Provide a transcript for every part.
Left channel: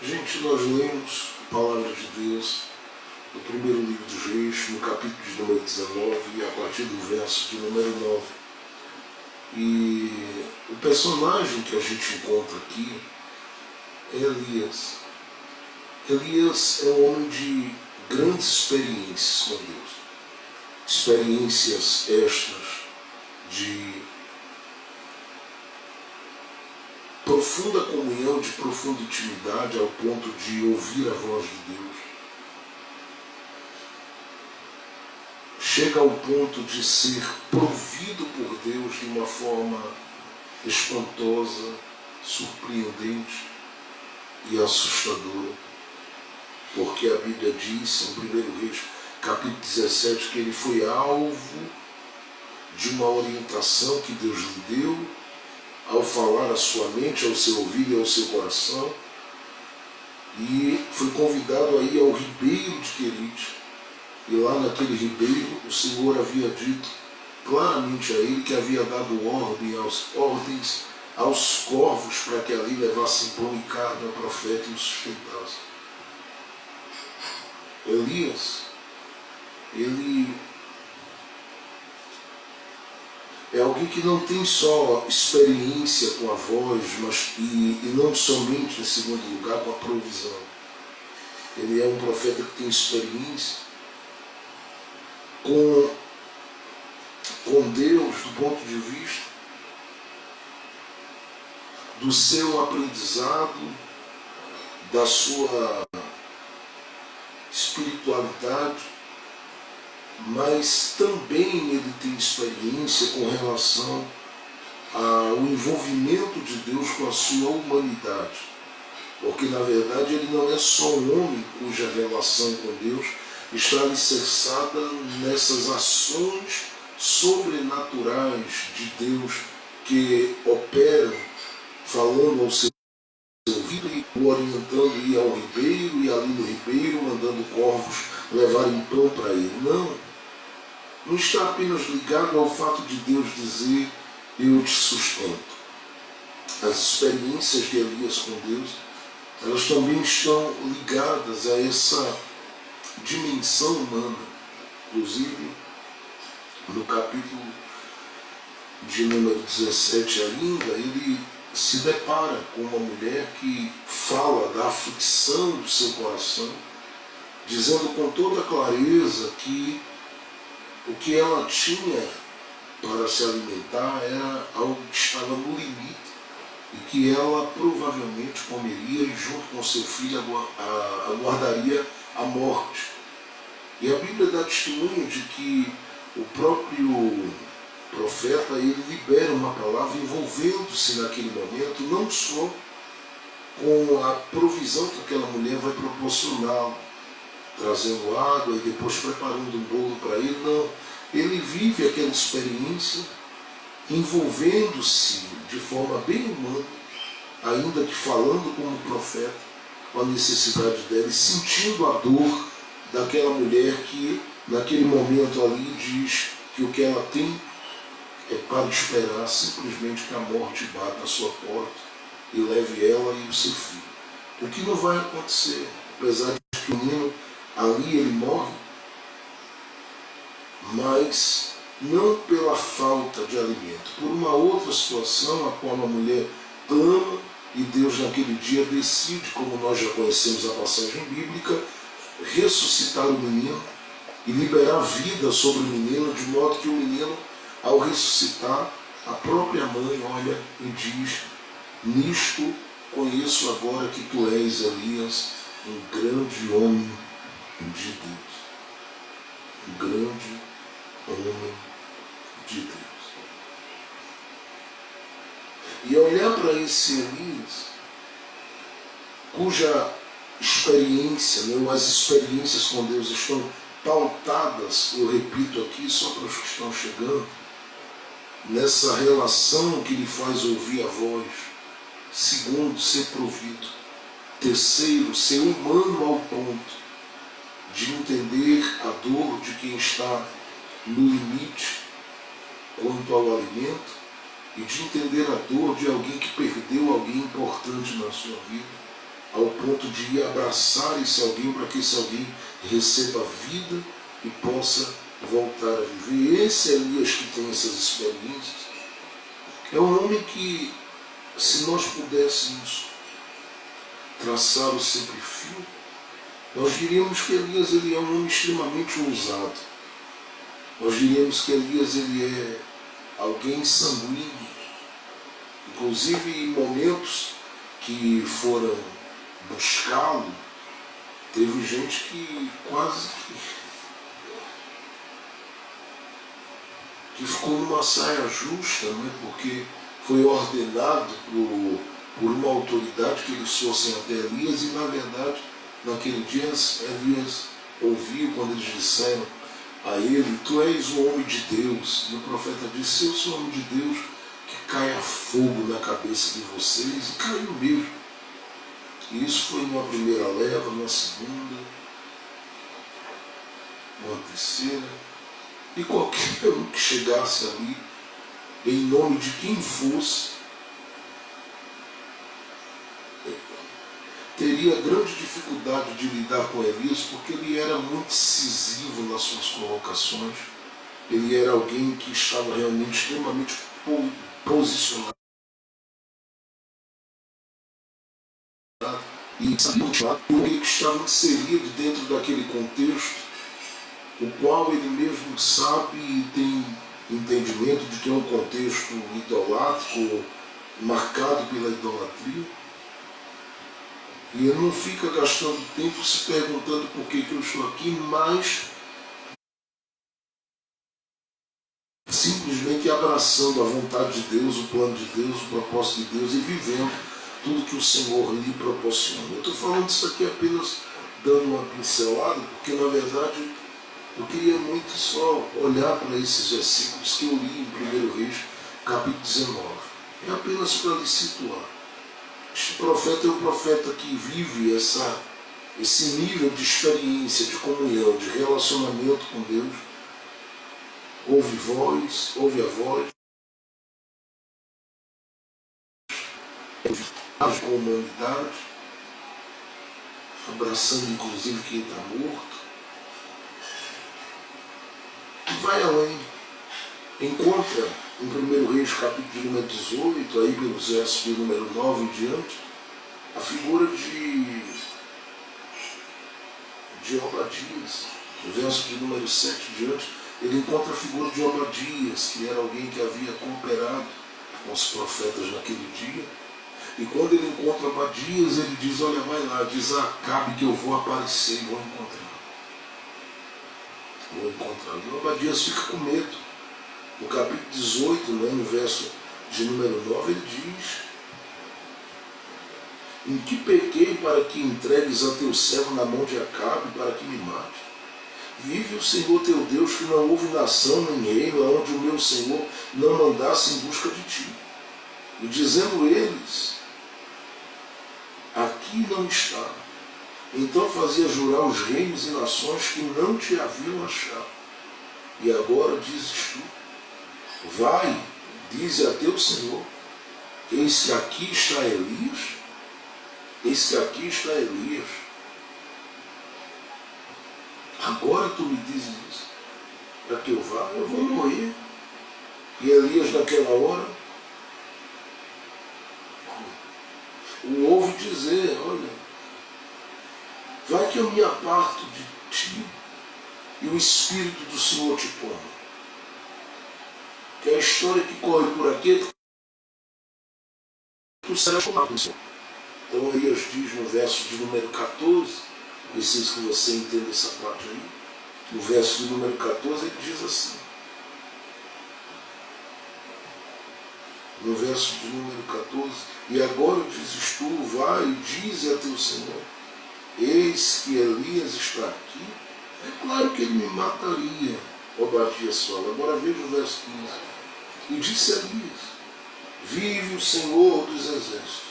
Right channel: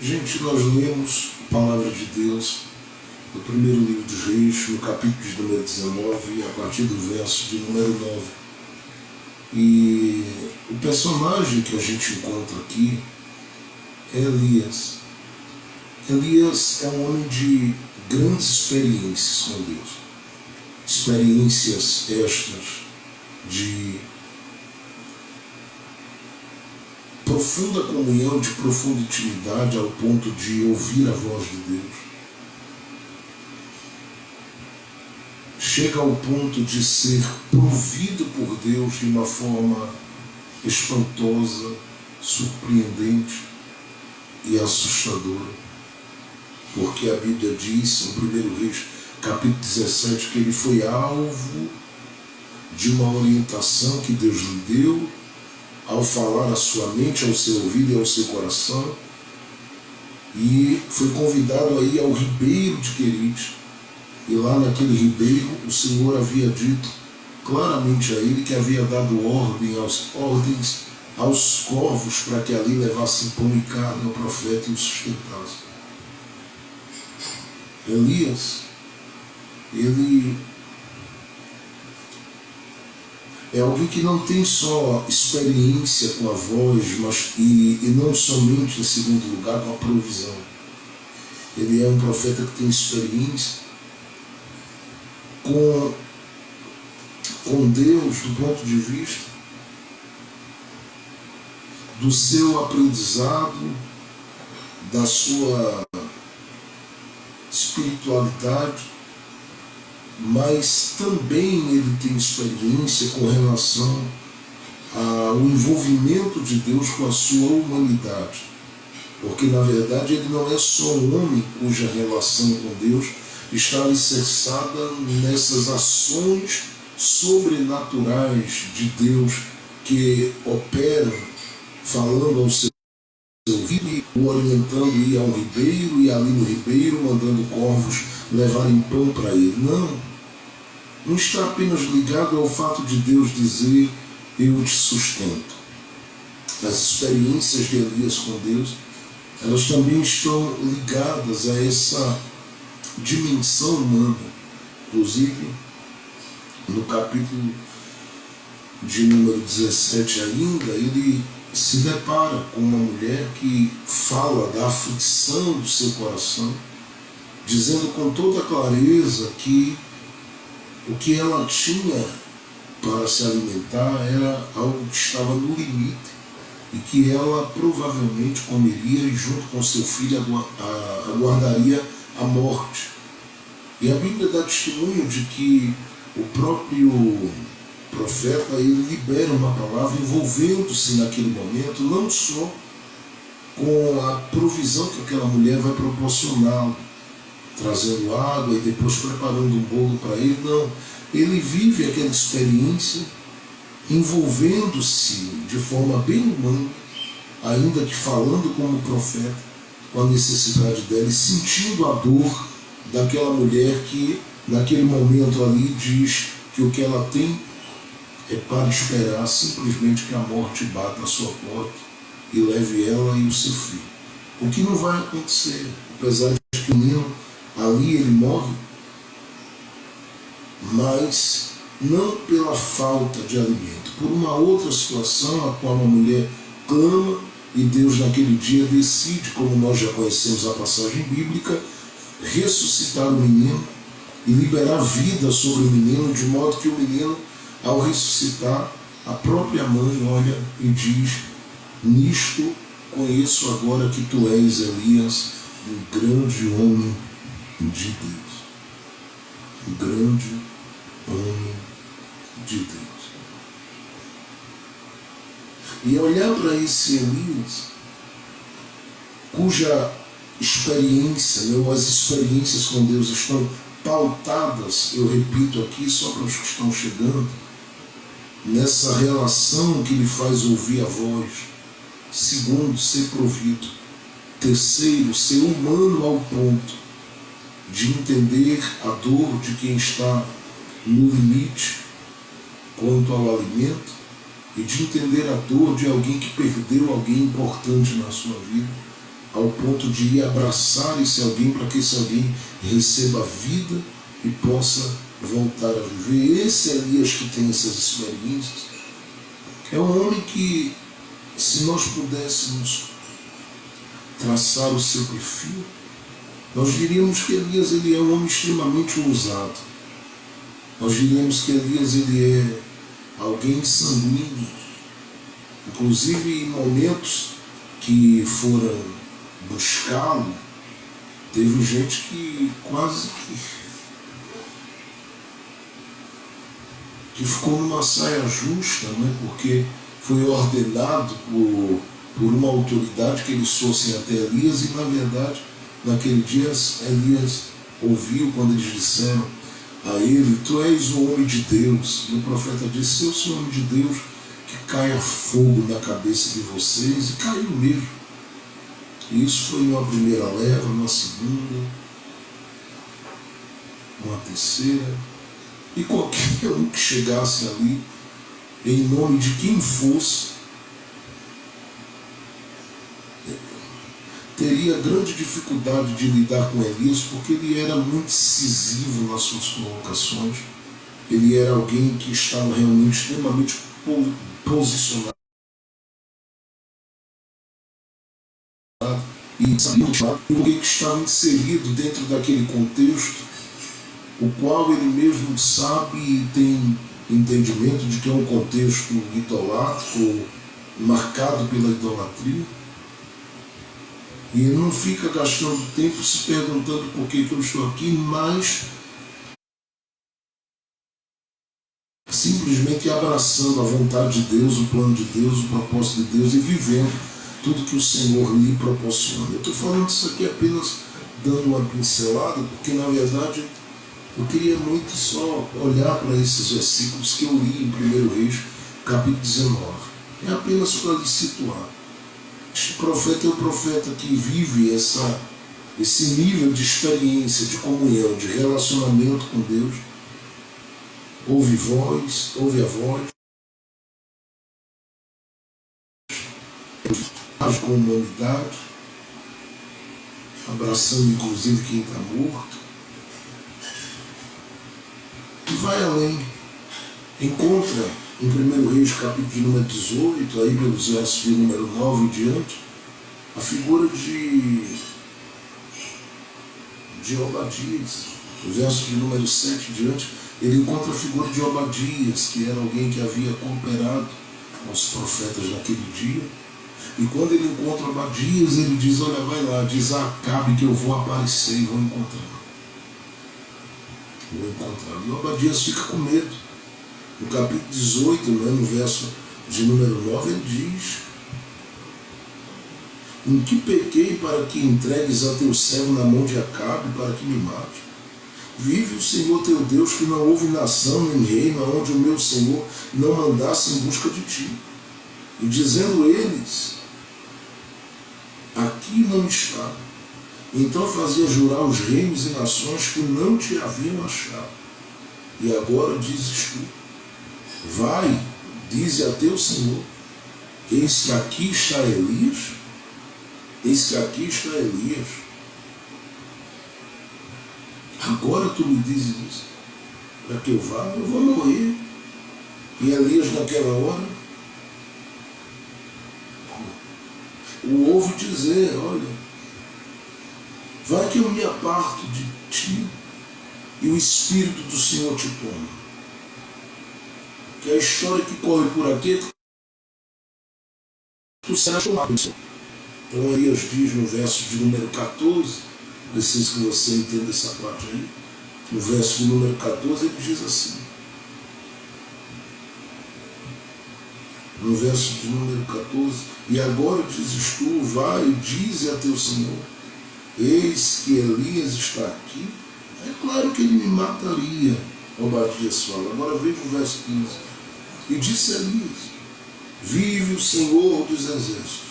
Gente, nós lemos a Palavra de Deus no primeiro livro dos Reis, no capítulo de número 19, a partir do verso de número 9. E o personagem que a gente encontra aqui é Elias. Elias é um homem de grandes experiências com Deus. Experiências estas de profunda comunhão, de profunda intimidade, ao ponto de ouvir a voz de Deus. Chega ao ponto de ser provido por Deus de uma forma espantosa, surpreendente e assustadora. Porque a Bíblia diz, em 1 Reis, capítulo 17, que ele foi alvo de uma orientação que Deus lhe deu, ao falar à sua mente, ao seu ouvido e ao seu coração, e foi convidado a ir ao ribeiro de Querite, e lá naquele ribeiro o Senhor havia dito claramente a ele que havia dado ordens aos corvos para que ali levassem pão e carne ao profeta e o sustentassem. Elias, ele é alguém que não tem só experiência com a voz, mas e não somente, em segundo lugar, com a provisão. Ele é um profeta que tem experiência com Deus do ponto de vista do seu aprendizado, da sua espiritualidade, mas também ele tem experiência com relação ao envolvimento de Deus com a sua humanidade. Porque, na verdade, ele não é só um homem cuja relação com Deus está alicerçada nessas ações sobrenaturais de Deus que operam falando ao seu ouvido e o orientando a ir ao ribeiro, e ali no ribeiro mandando corvos levarem pão para ele. Não está apenas ligado ao fato de Deus dizer: eu te sustento. As experiências de Elias com Deus, elas também estão ligadas a essa dimensão humana. Inclusive, no capítulo de número 17 ainda, ele se depara com uma mulher que fala da aflição do seu coração, dizendo com toda clareza que o que ela tinha para se alimentar era algo que estava no limite e que ela provavelmente comeria e junto com seu filho aguardaria a morte. E a Bíblia dá testemunho de que o próprio profeta, ele libera uma palavra envolvendo-se naquele momento, não só com a provisão que aquela mulher vai proporcioná-lo, trazendo água e depois preparando um bolo para ele. Não, ele vive aquela experiência envolvendo-se de forma bem humana, ainda que falando como profeta, com a necessidade dela e sentindo a dor daquela mulher que naquele momento ali diz que o que ela tem é para esperar simplesmente que a morte bata à sua porta e leve ela e o seu filho. O que não vai acontecer, apesar de que o menino ali ele morre, mas não pela falta de alimento, por uma outra situação a qual a mulher clama e Deus naquele dia decide, como nós já conhecemos a passagem bíblica, ressuscitar o menino e liberar vida sobre o menino, de modo que o menino, ao ressuscitar, a própria mãe olha e diz: nisto conheço agora que tu és, Elias, um grande homem de Deus. Um grande homem de Deus. E olhar para esse Elias, cuja experiência, as experiências com Deus estão pautadas, eu repito aqui só para os que estão chegando, nessa relação que lhe faz ouvir a voz. Segundo, ser provido. Terceiro, ser humano ao ponto de entender a dor de quem está no limite quanto ao alimento e de entender a dor de alguém que perdeu alguém importante na sua vida. ao ponto de ir abraçar esse alguém para que esse alguém receba vida e possa voltar a viver. Esse Elias que tem essas experiências é um homem que, se nós pudéssemos traçar o seu perfil, nós diríamos que Elias ele é um homem extremamente ousado. Nós diríamos que Elias ele é alguém sanguíneo. Inclusive em momentos que foram buscá-lo, teve gente que quase que ficou numa saia justa, né? Porque foi ordenado por uma autoridade que eles fossem até Elias e, na verdade, naquele dia Elias ouviu quando eles disseram a ele: tu és o homem de Deus. E o profeta disse: eu sou o homem de Deus, que caia fogo na cabeça de vocês. E caiu mesmo. E isso foi numa primeira leva, numa segunda, numa terceira. E qualquer um que chegasse ali, em nome de quem fosse, teria grande dificuldade de lidar com Elias, porque ele era muito incisivo nas suas colocações. Ele era alguém que estava realmente extremamente posicionado e sabia o que estava inserido dentro daquele contexto, o qual ele mesmo sabe e tem entendimento de que é um contexto idolátrico, marcado pela idolatria. E ele não fica gastando tempo se perguntando por que eu estou aqui, mas simplesmente abraçando a vontade de Deus, o plano de Deus, o propósito de Deus e vivendo tudo que o Senhor lhe proporciona. Eu estou falando isso aqui apenas dando uma pincelada, porque na verdade eu queria muito só olhar para esses versículos que eu li em 1 Reis, capítulo 19. É apenas para lhe situar. Este profeta é o profeta que vive esse nível de experiência, de comunhão, de relacionamento com Deus. Ouve a voz, age com a humanidade, abraçando inclusive quem está morto. E vai além. Encontra em 1 Reis, capítulo de número 18, aí pelos versos de número 9 em diante, a figura de Obadias. Os versos de número 7 em diante, ele encontra a figura de Obadias, que era alguém que havia cooperado com os profetas naquele dia. E quando ele encontra Obadias, ele diz: olha, vai lá, diz a Acabe que eu vou aparecer e vou encontrar. E Obadias fica com medo. No capítulo 18, né, no verso de número 9, ele diz: em que pequei para que entregues a teu servo na mão de Acabe para que me mate? Vive o Senhor teu Deus, que não houve nação nem reino aonde o meu Senhor não mandasse em busca de ti. E dizendo eles: aqui não está. Então fazia jurar os reinos e nações que não te haviam achado. E agora dizes tu: vai, dize a teu Senhor: eis que aqui está Elias. Eis que aqui está Elias. Agora tu me dizes isso, para que eu vá, eu vou morrer. E Elias naquela hora o ouve dizer: olha, vai que eu me aparto de ti e o Espírito do Senhor te toma. Que a história que corre por aqui é que tu serás chamado. Então Elias diz no verso de número 14, preciso que você entenda essa parte aí. No verso de número 14 ele diz assim. No verso de número 14: e agora dizes tu, vai e dize a teu Senhor: eis que Elias está aqui. É claro que ele me mataria, Obadias fala. Agora veja o verso 15. E disse Elias: vive o Senhor dos exércitos.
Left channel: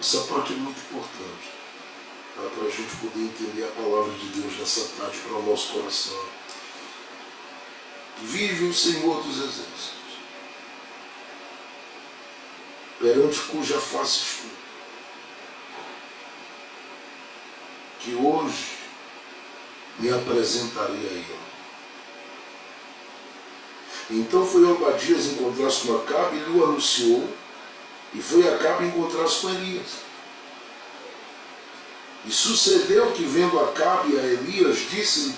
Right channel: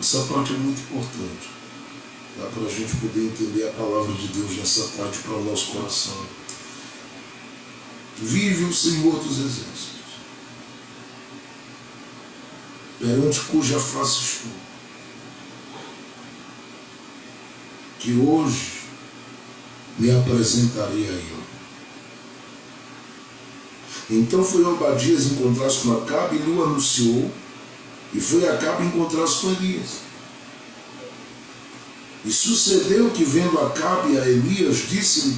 Essa parte é muito importante, tá? Para a gente poder entender a palavra de Deus nessa tarde para o nosso coração. Vive o Senhor dos exércitos, perante cuja face estou. que hoje me apresentarei a ele. Então foi Obadias encontrar-se com Acabe e lhe anunciou, e foi Acabe encontrar-se com Elias. E sucedeu que, vendo Acabe a Elias, disse-lhe:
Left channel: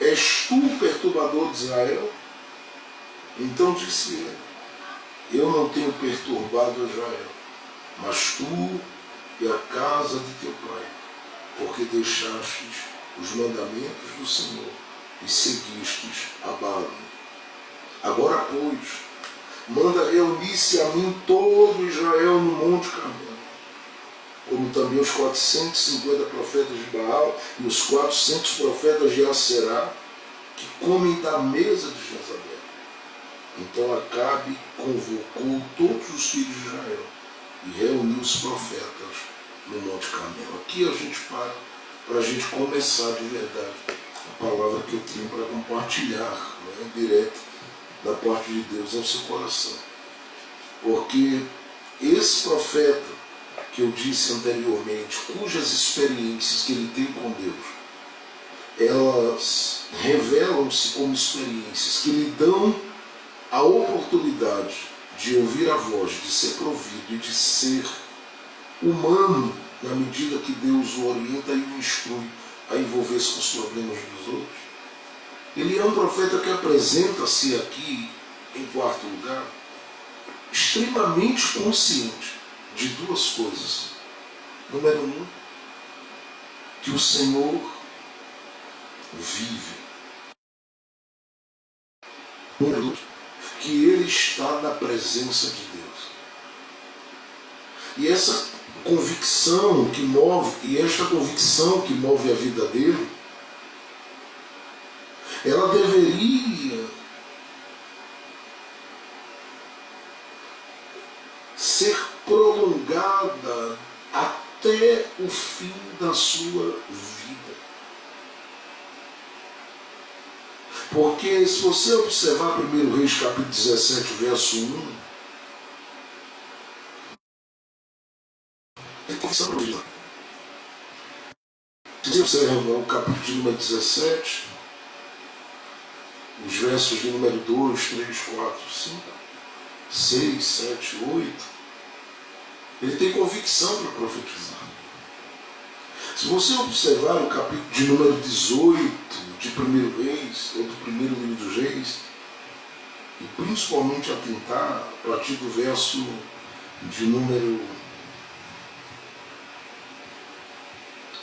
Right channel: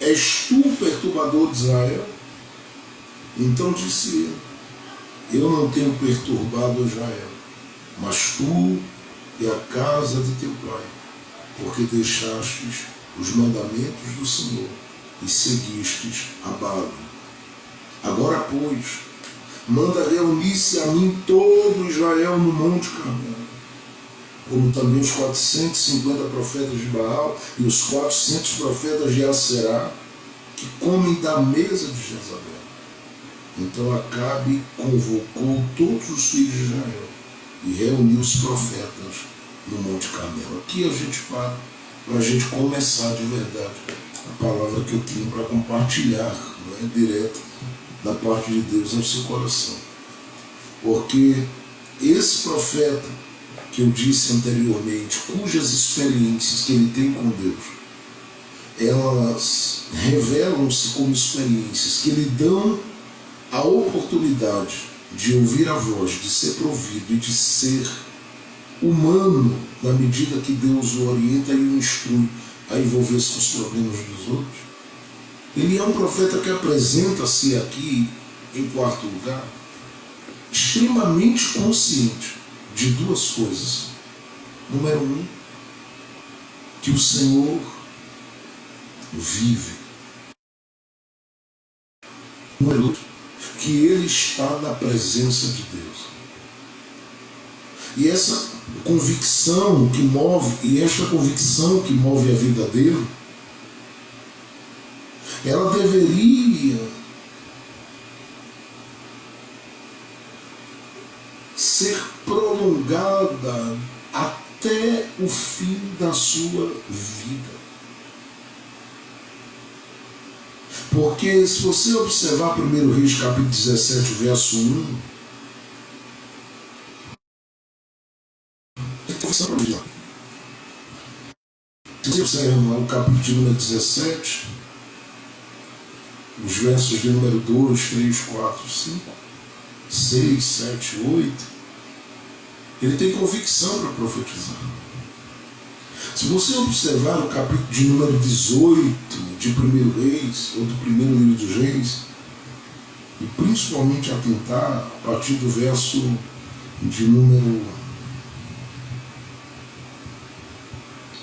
És tu o perturbador de Israel? Então disse ele: Eu não tenho perturbado Israel, mas tu e a casa de teu pai, porque deixastes os mandamentos do Senhor e seguistes a Baal. Agora, pois, manda reunir-se a mim todo Israel no Monte Carmelo, como também os 450 profetas de Baal e os 400 profetas de Aserá, que comem da mesa de Jezabel. Então Acabe convocou todos os filhos de Israel e reuniu os profetas no Monte Carmelo. Aqui a gente para a gente começar de verdade a palavra que eu tenho para compartilhar, não é? Direto da parte de Deus ao seu coração. Porque esse profeta que eu disse anteriormente, cujas experiências que ele tem com Deus, elas revelam-se como experiências que lhe dão a oportunidade de ouvir a voz, de ser provido e de ser humano na medida que Deus o orienta e o instrui a envolver-se com os problemas dos outros. Ele é um profeta que apresenta-se aqui, em quarto lugar, extremamente consciente de duas coisas. Número um, que o Senhor vive. Número dois, que ele está na presença de Deus. E essa convicção que move, a vida dele, ela deveria ser prolongada até o fim da sua vida. Porque se você observar 1 Reis capítulo 17, verso 1, se você observar o capítulo de número 17, os versos de número 2, 3, 4, 5, 6, 7, 8, ele tem convicção para profetizar. Se você observar o capítulo de número 18 de 1 Reis, ou do primeiro livro dos Reis, e principalmente atentar a partir do verso de número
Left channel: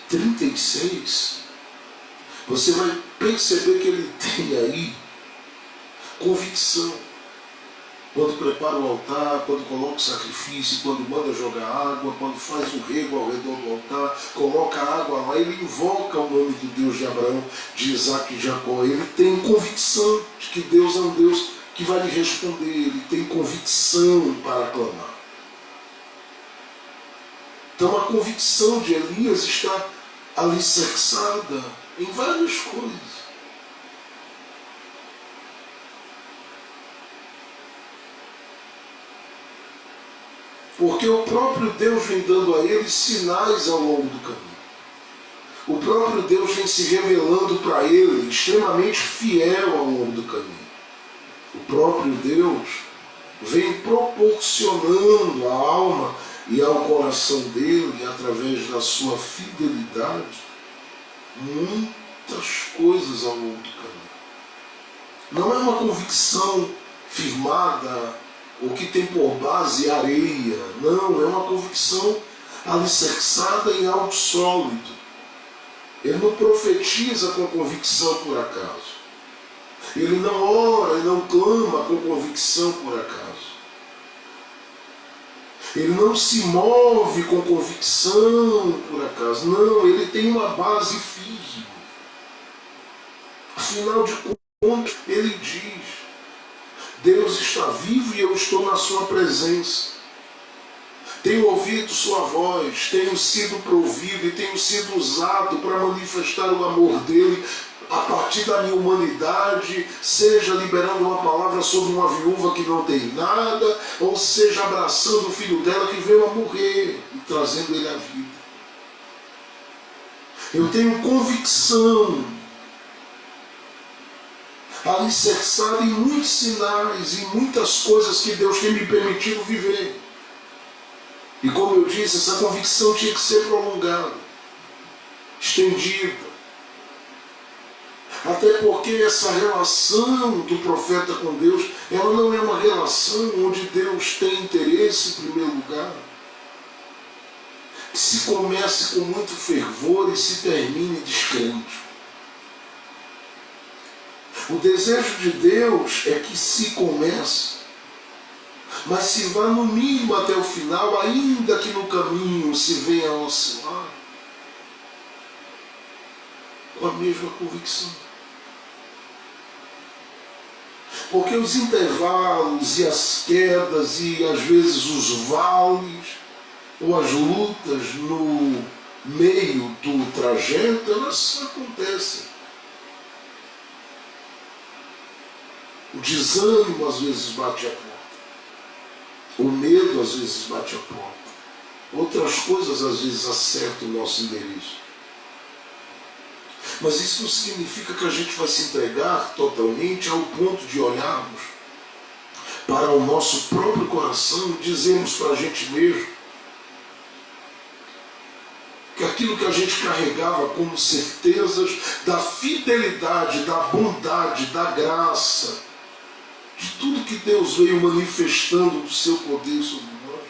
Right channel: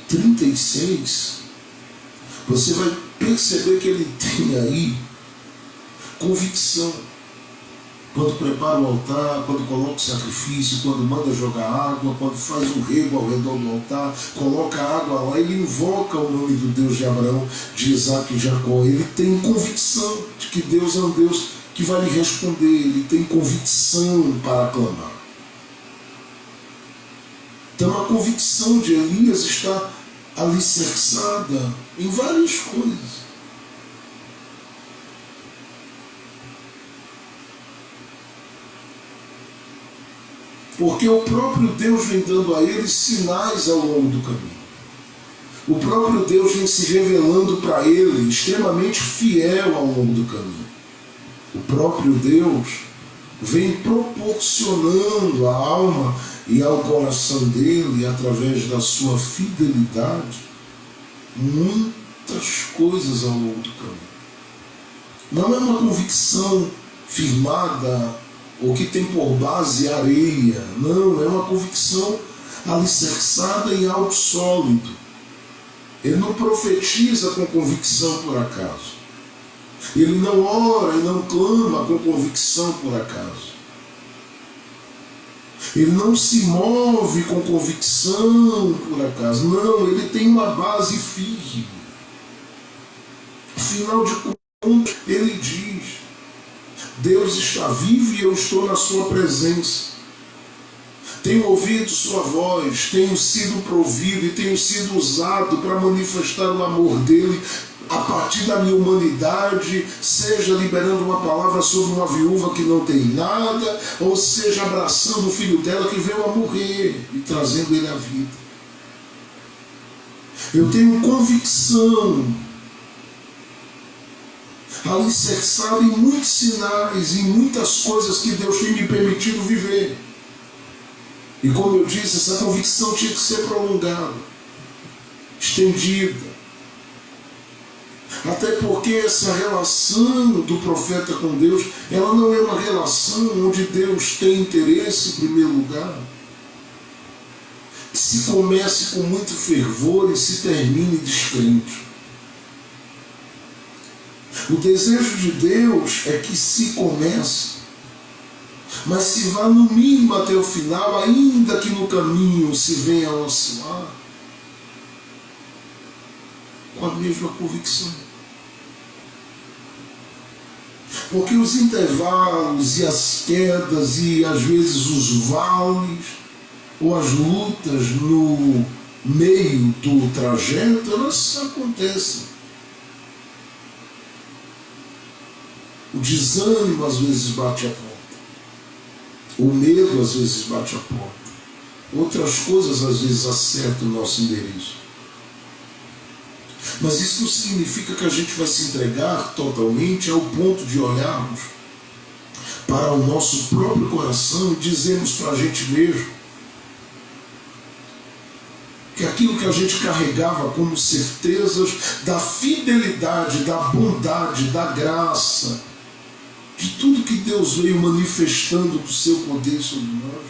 36, você vai perceber que ele tem aí convicção. Quando prepara o altar, quando coloca o sacrifício, quando manda jogar água, quando faz um rego ao redor do altar, coloca a água lá, ele invoca o nome do Deus de Abraão, de Isaac e Jacó. Ele tem convicção de que Deus é um Deus que vai lhe responder. Ele tem convicção para clamar. Então a convicção de Elias está alicerçada em várias coisas. Porque o próprio Deus vem dando a ele sinais ao longo do caminho. O próprio Deus vem se revelando para ele, extremamente fiel ao longo do caminho. O próprio Deus vem proporcionando à alma e ao coração dele, através da sua fidelidade, muitas coisas ao longo do caminho. Não é uma convicção firmada ou que tem por base areia. Não, é uma convicção alicerçada em algo sólido. Ele não profetiza com convicção por acaso. Ele não ora e não clama com convicção por acaso. Ele não se move com convicção por acaso. Não, ele tem uma base firme. Afinal de contas, ele diz: Deus está vivo e eu estou na sua presença. Tenho ouvido sua voz, tenho sido provido e tenho sido usado para manifestar o amor dele a partir da minha humanidade, seja liberando uma palavra sobre uma viúva que não tem nada, ou seja abraçando o filho dela que veio a morrer e trazendo ele à vida. Eu tenho convicção, alicerçada em muitos sinais, em muitas coisas que Deus tem me permitido viver. E como eu disse, essa convicção tinha que ser prolongada, estendida. Até porque essa relação do profeta com Deus, ela não é uma relação onde Deus tem interesse em primeiro lugar. Que se comece com muito fervor e se termine descrente. O desejo de Deus é que se comece, mas se vá no mínimo até o final, ainda que no caminho se venha a oscilar, com a mesma convicção. Porque os intervalos e as quedas e às vezes os vales ou as lutas no meio do trajeto, elas acontecem. O desânimo às vezes bate a porta. O medo às vezes bate a porta. Outras coisas às vezes acertam o nosso endereço. Mas isso não significa que a gente vai se entregar totalmente ao ponto de olharmos para o nosso próprio coração e dizermos para a gente mesmo que aquilo que a gente carregava como certezas da fidelidade, da bondade, da graça, de tudo que Deus veio manifestando do seu poder sobre nós,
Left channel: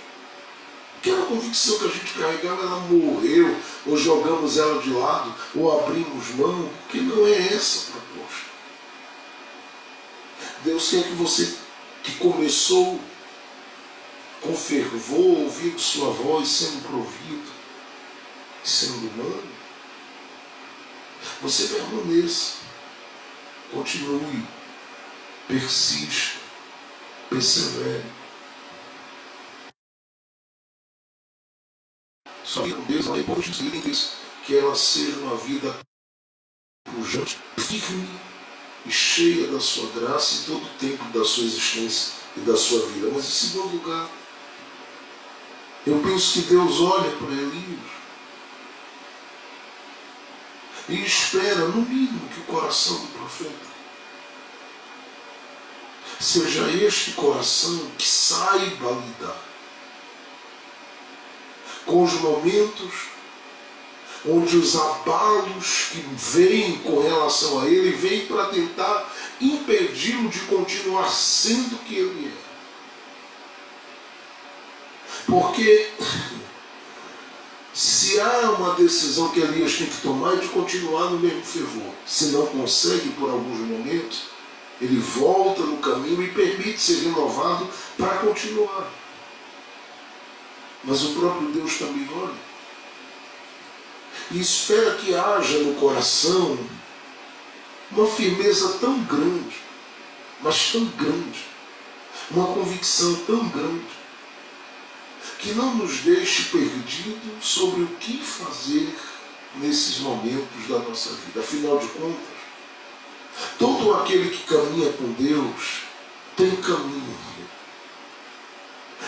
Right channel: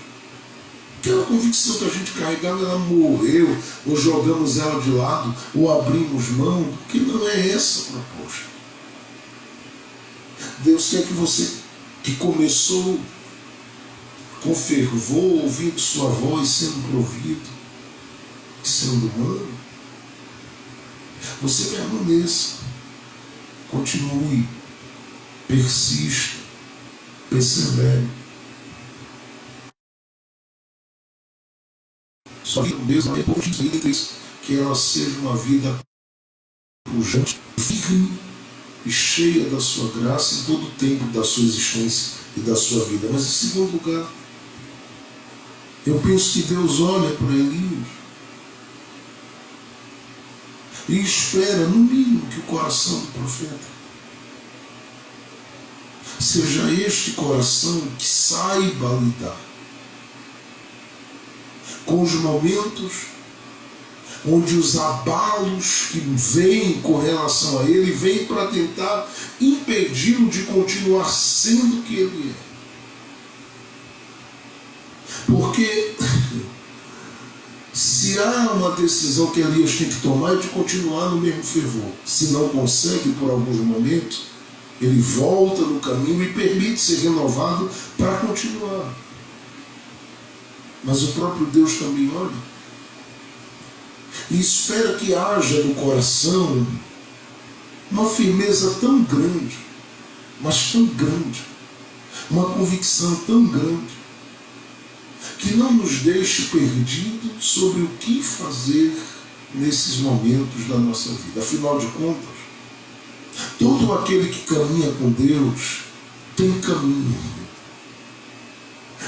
aquela convicção que a gente carregava, ela morreu, ou jogamos ela de lado, ou abrimos mão, porque não é essa a proposta. Deus quer que você, que começou com fervor, ouvindo sua voz, sendo provido, sendo humano, você permaneça, continue, persista, persevere. Sua vida mesmo é que ela seja uma vida pujante, firme e cheia da sua graça em todo o tempo da sua existência e da sua vida. Mas em segundo lugar, eu penso que Deus olha para Elias e espera, no mínimo, que o coração do profeta seja este coração que saiba lidar com os momentos onde os abalos que vêm com relação a ele vêm para tentar impedi-lo de continuar sendo o que ele é. Porque se há uma decisão que Elias tem que tomar é de continuar no mesmo fervor. Se não consegue por alguns momentos, ele volta no caminho e permite ser renovado para continuar. Mas o próprio Deus também olha e espera que haja no coração uma firmeza tão grande, mas tão grande, uma convicção tão grande, que não nos deixe perdidos sobre o que fazer nesses momentos da nossa vida. Afinal de contas, todo aquele que caminha com Deus tem caminho.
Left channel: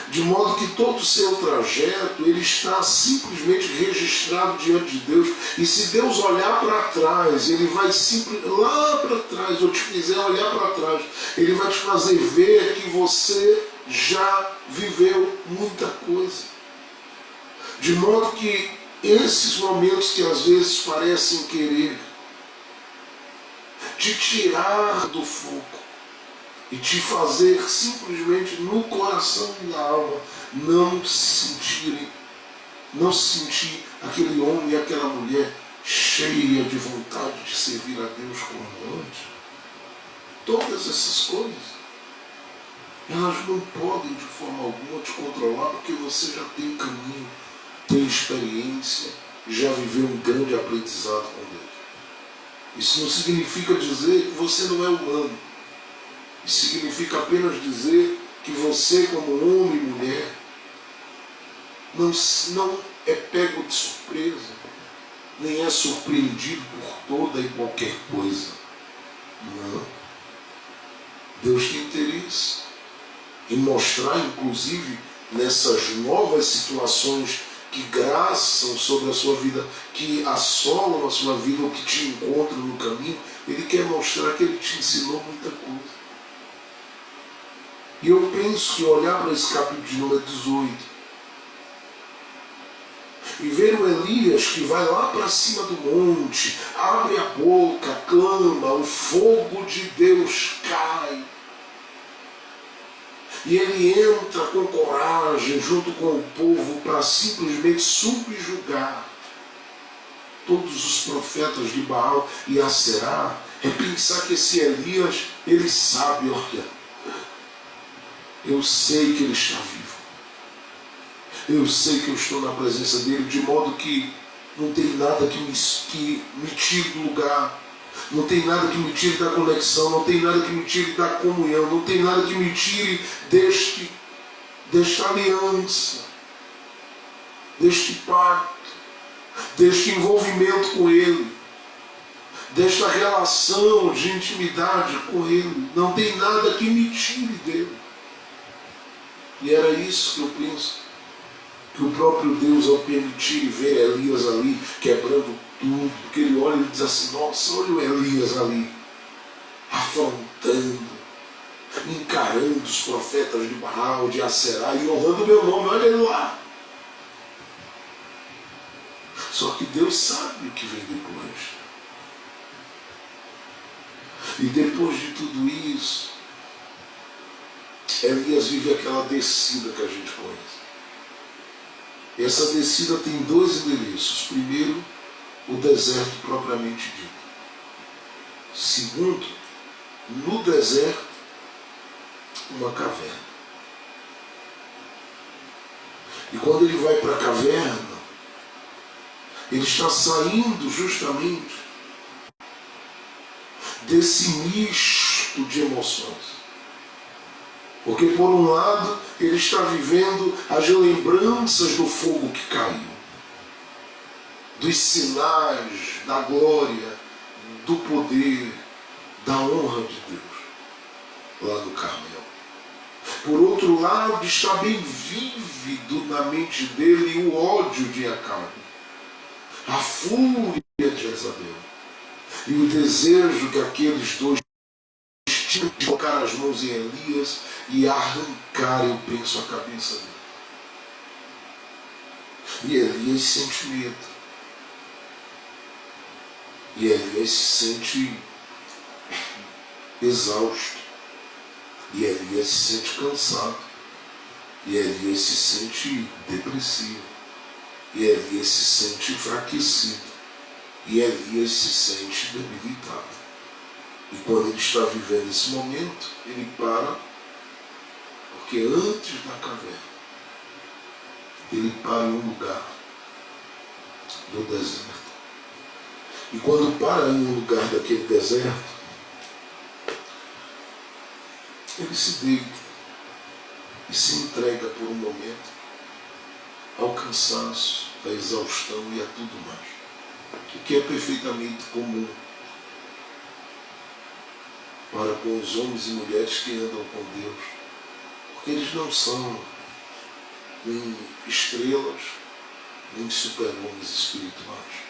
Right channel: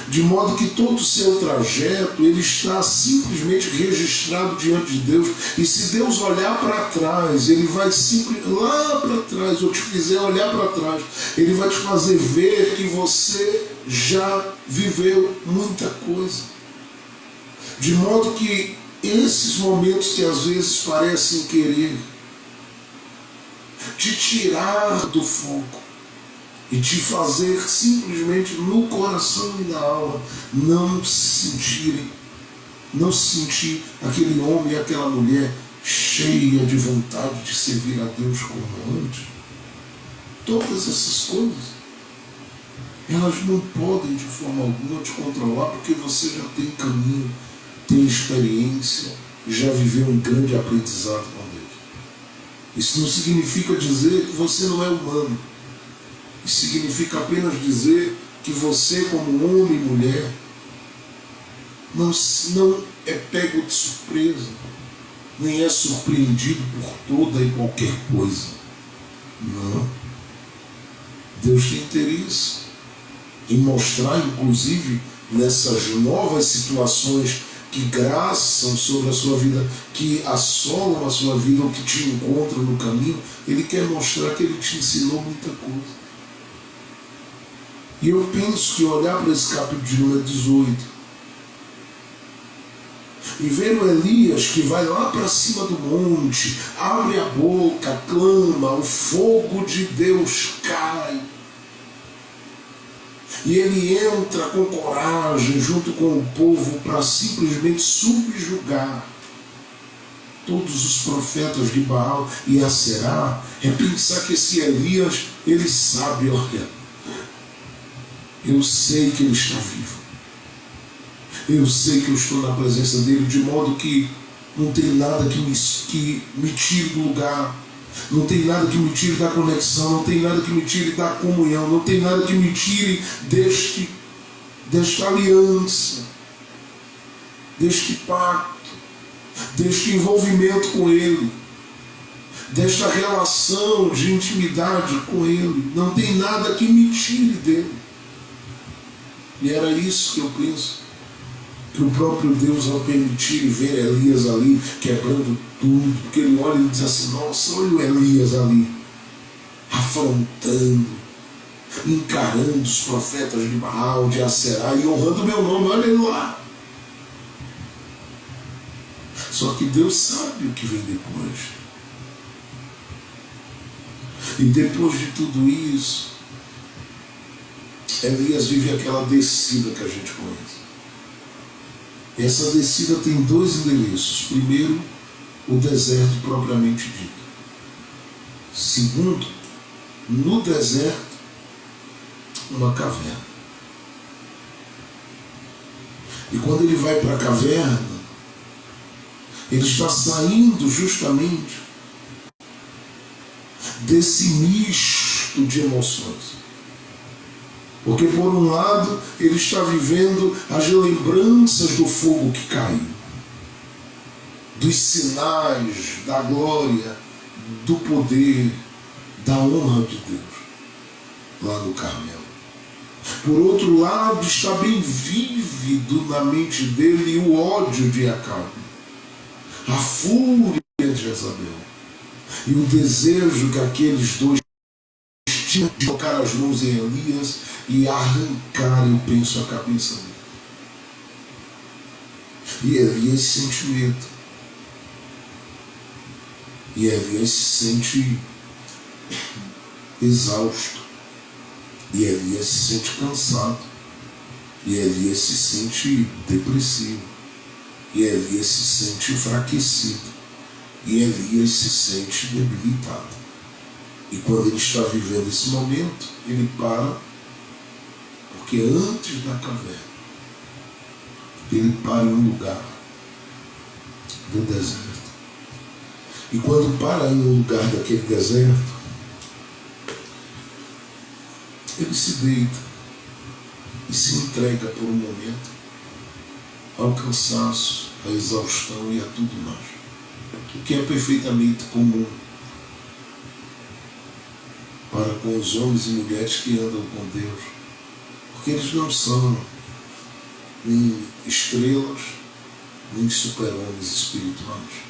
De modo que todo o seu trajeto, ele está simplesmente registrado diante de Deus. E se Deus olhar para trás, ele vai lá para trás, ou te fizer olhar para trás, ele vai te fazer ver que você já viveu muita coisa. De modo que esses momentos que às vezes parecem querer te tirar do foco e te fazer simplesmente no coração e na alma não sentir aquele homem e aquela mulher cheia de vontade de servir a Deus como antes. Todas essas coisas, elas não podem de forma alguma te controlar, porque você já tem caminho, tem experiência, já viveu um grande aprendizado com Deus. Isso não significa dizer que você não é humano. Isso significa apenas dizer que você, como homem e mulher, não é pego de surpresa, nem é surpreendido por toda e qualquer coisa. Não. Deus tem interesse em mostrar, inclusive, nessas novas situações que graçam sobre a sua vida, que assolam a sua vida ou que te encontram no caminho, ele quer mostrar que ele te ensinou muita coisa. E eu penso que olhar para esse capítulo de número 18 e ver o Elias que vai lá para cima do monte, abre a boca, clama, o fogo de Deus cai. E ele entra com coragem junto com o povo para simplesmente subjugar todos os profetas de Baal e Aserá. É pensar que esse Elias, ele sabe, olha, eu sei que ele está vivo. Eu sei que eu estou na presença dele, de modo que não tem nada que me tire do lugar. Não tem nada que me tire da conexão, não tem nada que me tire da comunhão, não tem nada que me tire desta aliança, deste pacto, deste envolvimento com Ele, desta relação de intimidade com Ele. Não tem nada que me tire dele. E era isso que eu penso, que o próprio Deus, ao permitir e ver Elias ali quebrando tudo, porque ele olha e diz assim: nossa, olha o Elias ali afrontando, encarando os profetas de Baal, de Aserá e honrando o meu nome, olha ele lá. Só que Deus sabe o que vem depois. E depois de tudo isso, Elias vive aquela descida que a gente conhece. E essa descida tem dois endereços. Primeiro, o deserto propriamente dito. Segundo, no deserto, uma caverna. E quando ele vai para a caverna, ele está saindo justamente desse misto de emoções. Porque por um lado ele está vivendo as lembranças do fogo que caiu, dos sinais da glória, do poder, da honra de Deus lá no Carmelo. Por outro lado está bem vívido na mente dele o ódio de Acabe, a fúria de Jezabel e o desejo que aqueles dois tinham de colocar as mãos em Elias e arrancar, eu penso, a cabeça dele. E Elias sente medo. E Elias se sente exausto. E Elias se sente cansado. E Elias se sente depressivo. E Elias se sente enfraquecido. E Elias se sente debilitado. E quando ele está vivendo esse momento, ele para, porque antes da caverna, ele para em um lugar do deserto. E quando para em um lugar daquele deserto, ele se deita e se entrega por um momento ao cansaço, à exaustão e a tudo mais. O que é perfeitamente comum para com os homens e mulheres que andam com Deus, porque eles não são nem estrelas, nem super-homens espirituais.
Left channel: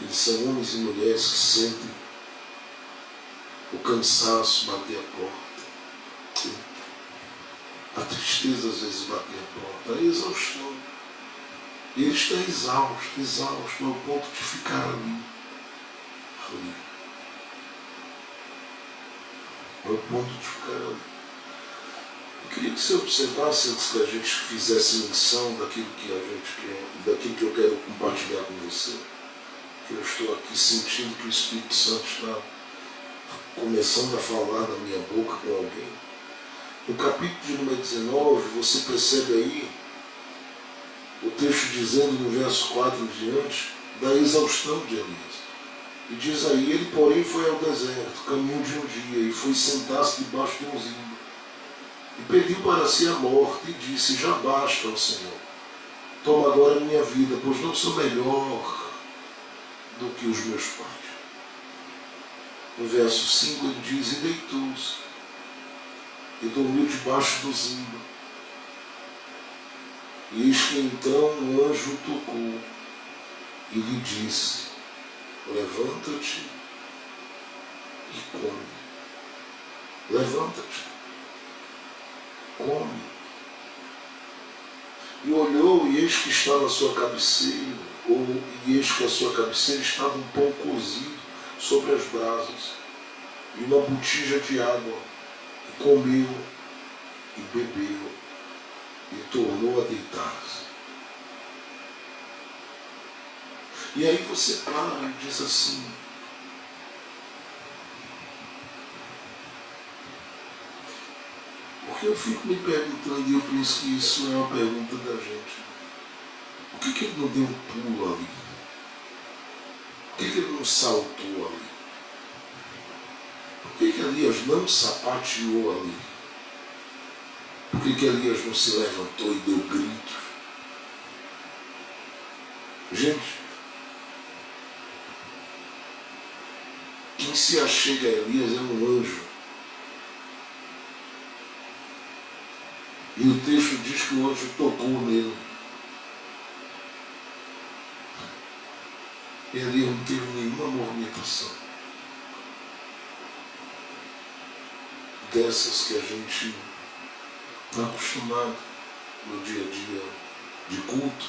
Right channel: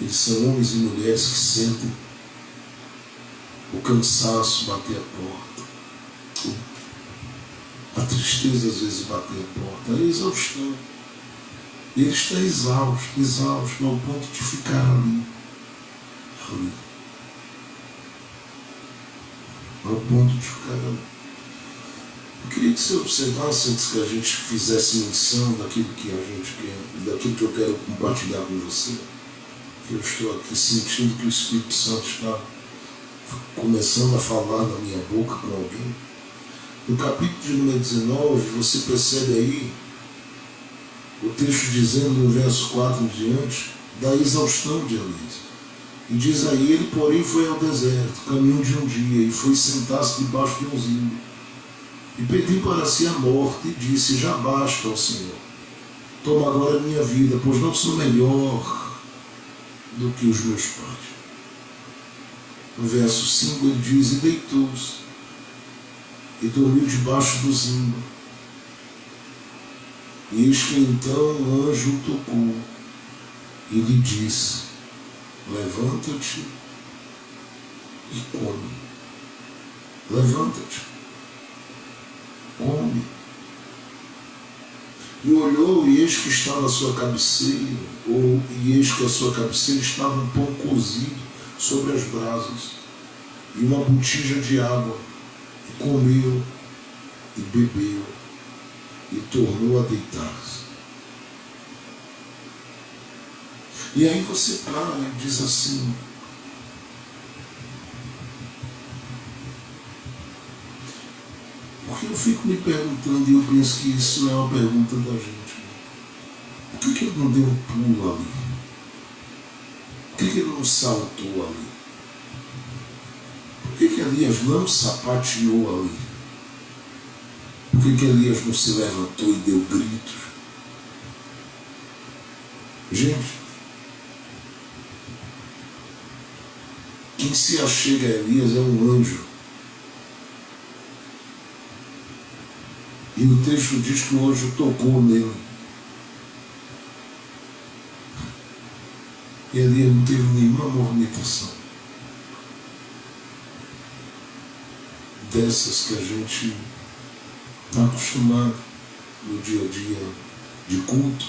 Eles são homens e mulheres que sentem o cansaço bater a porta, a tristeza às vezes bater a porta, a exaustão. E ele está exausto, ao ponto de ficar ali. Ao ponto de ficar ali. Eu queria que você observasse, antes que a gente fizesse menção daquilo que daquilo que eu quero compartilhar com você, que eu estou aqui sentindo que o Espírito Santo está começando a falar na minha boca com alguém. No capítulo de número 19, você percebe aí o texto dizendo no verso 4 em diante da exaustão de Elias. E diz aí: ele porém foi ao deserto, caminho de um dia, e foi sentar-se debaixo de um zimbro, e pediu para si a morte, e disse: já basta, ó Senhor, toma agora a minha vida, pois não sou melhor do que os meus pais. No verso 5 ele diz: e deitou-se, e dormiu debaixo do zimbro. E eis que então o anjo tocou e lhe disse: levanta-te e come. Levanta-te, come. E olhou, e eis que estava a sua cabeceira, e eis que a sua cabeceira estava um pão cozido sobre as brasas, e uma botija de água. E comeu, e bebeu, e tornou a deitar-se. E aí você para e diz assim: porque eu fico me perguntando, e eu penso que isso é uma pergunta da gente. Por que ele não deu um pulo ali? Por que ele não saltou ali? Por que Elias não sapateou ali? Por que Elias não se levantou e deu gritos? Gente, quem se achega a Elias é um anjo. E o texto diz que o anjo tocou nele. E Elias não teve nenhuma movimentação dessas que a gente está acostumado no dia a dia de culto,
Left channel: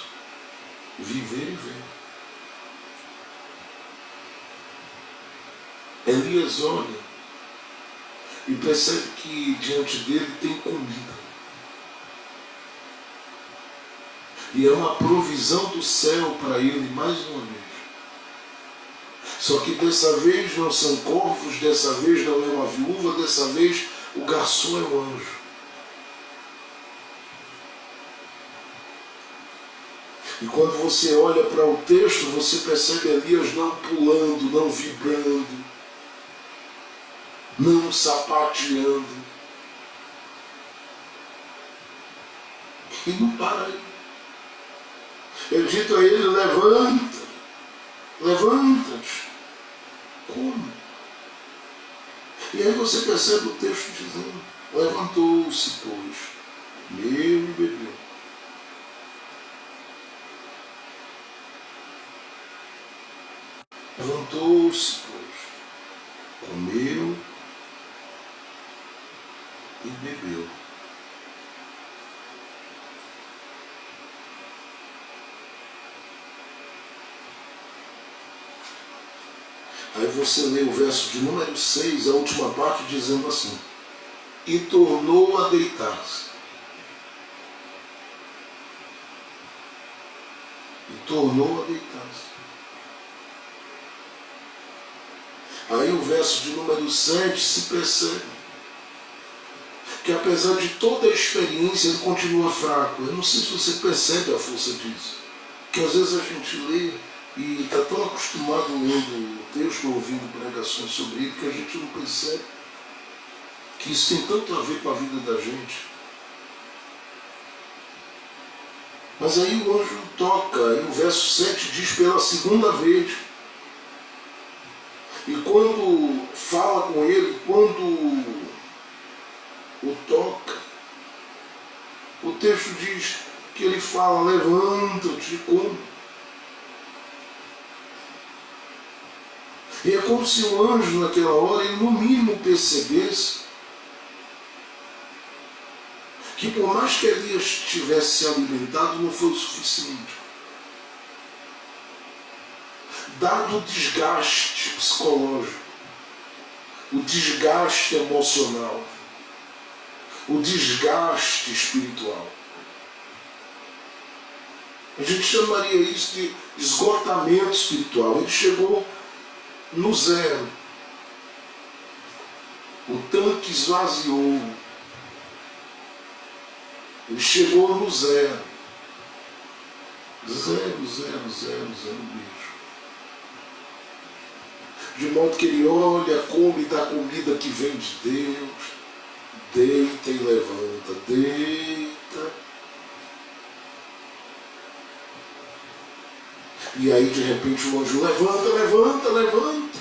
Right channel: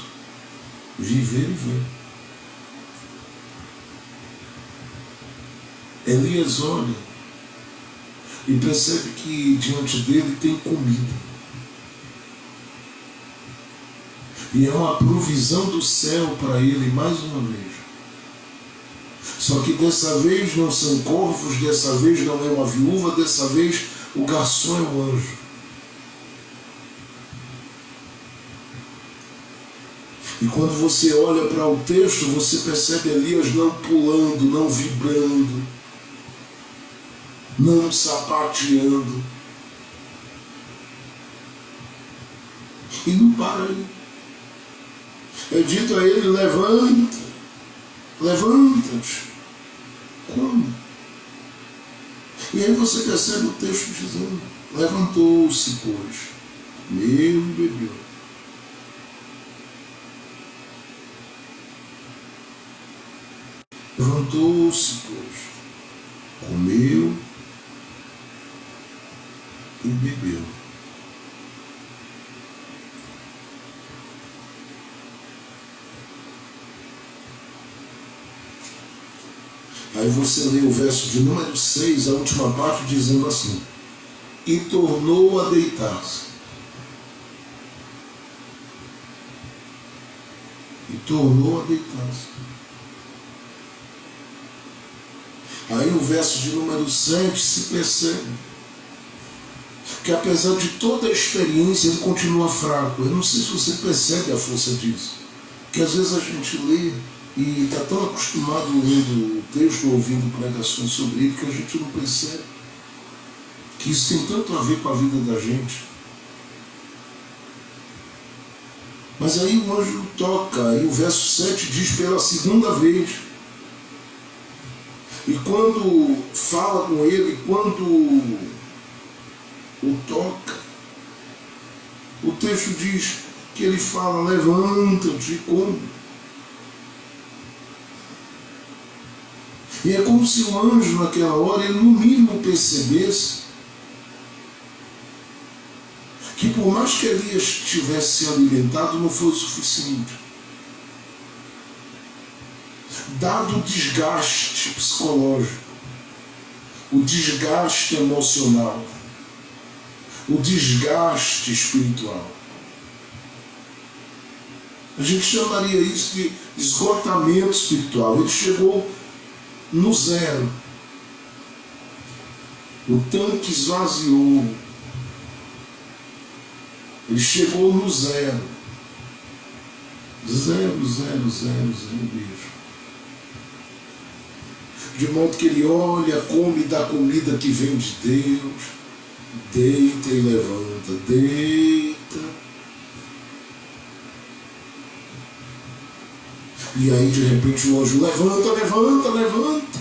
viver e ver. Elias olha e percebe que diante dele tem comida. E é uma provisão do céu para ele mais uma vez. Só que dessa vez não são corvos, dessa vez não é uma viúva, dessa vez o garçom é um anjo. E quando você olha para o texto, você percebe Elias não pulando, não vibrando, não sapateando. E não para aí. É dito a ele: levanta, levanta-te, come. E aí você percebe o texto dizendo: levantou-se, pois, comeu e bebeu. Levantou-se, pois, comeu e bebeu. Aí você lê o verso de número 6, a última parte, dizendo assim: e tornou a deitar-se. E tornou a deitar-se. Aí o verso de número 7 se percebe que apesar de toda a experiência ele continua fraco. Eu não sei se você percebe a força disso. Que às vezes a gente lê e está tão acostumado lendo o texto, ouvindo pregações sobre ele, que a gente não percebe que isso tem tanto a ver com a vida da gente. Mas aí o anjo toca, e o verso 7 diz pela segunda vez. E quando fala com ele, quando o toca, o texto diz que ele fala: levanta-te e come. E é como se o anjo naquela hora, ele no mínimo percebesse que por mais que Elias tivesse se alimentado, não foi o suficiente. Dado o desgaste psicológico, o desgaste emocional, o desgaste espiritual, a gente chamaria isso de esgotamento espiritual. Ele chegou no zero. O tanque esvaziou. Ele chegou no zero. Zero mesmo. De modo que ele olha, come da comida que vem de Deus, deita e levanta, deita. E aí de repente o anjo: levanta, levanta, levanta.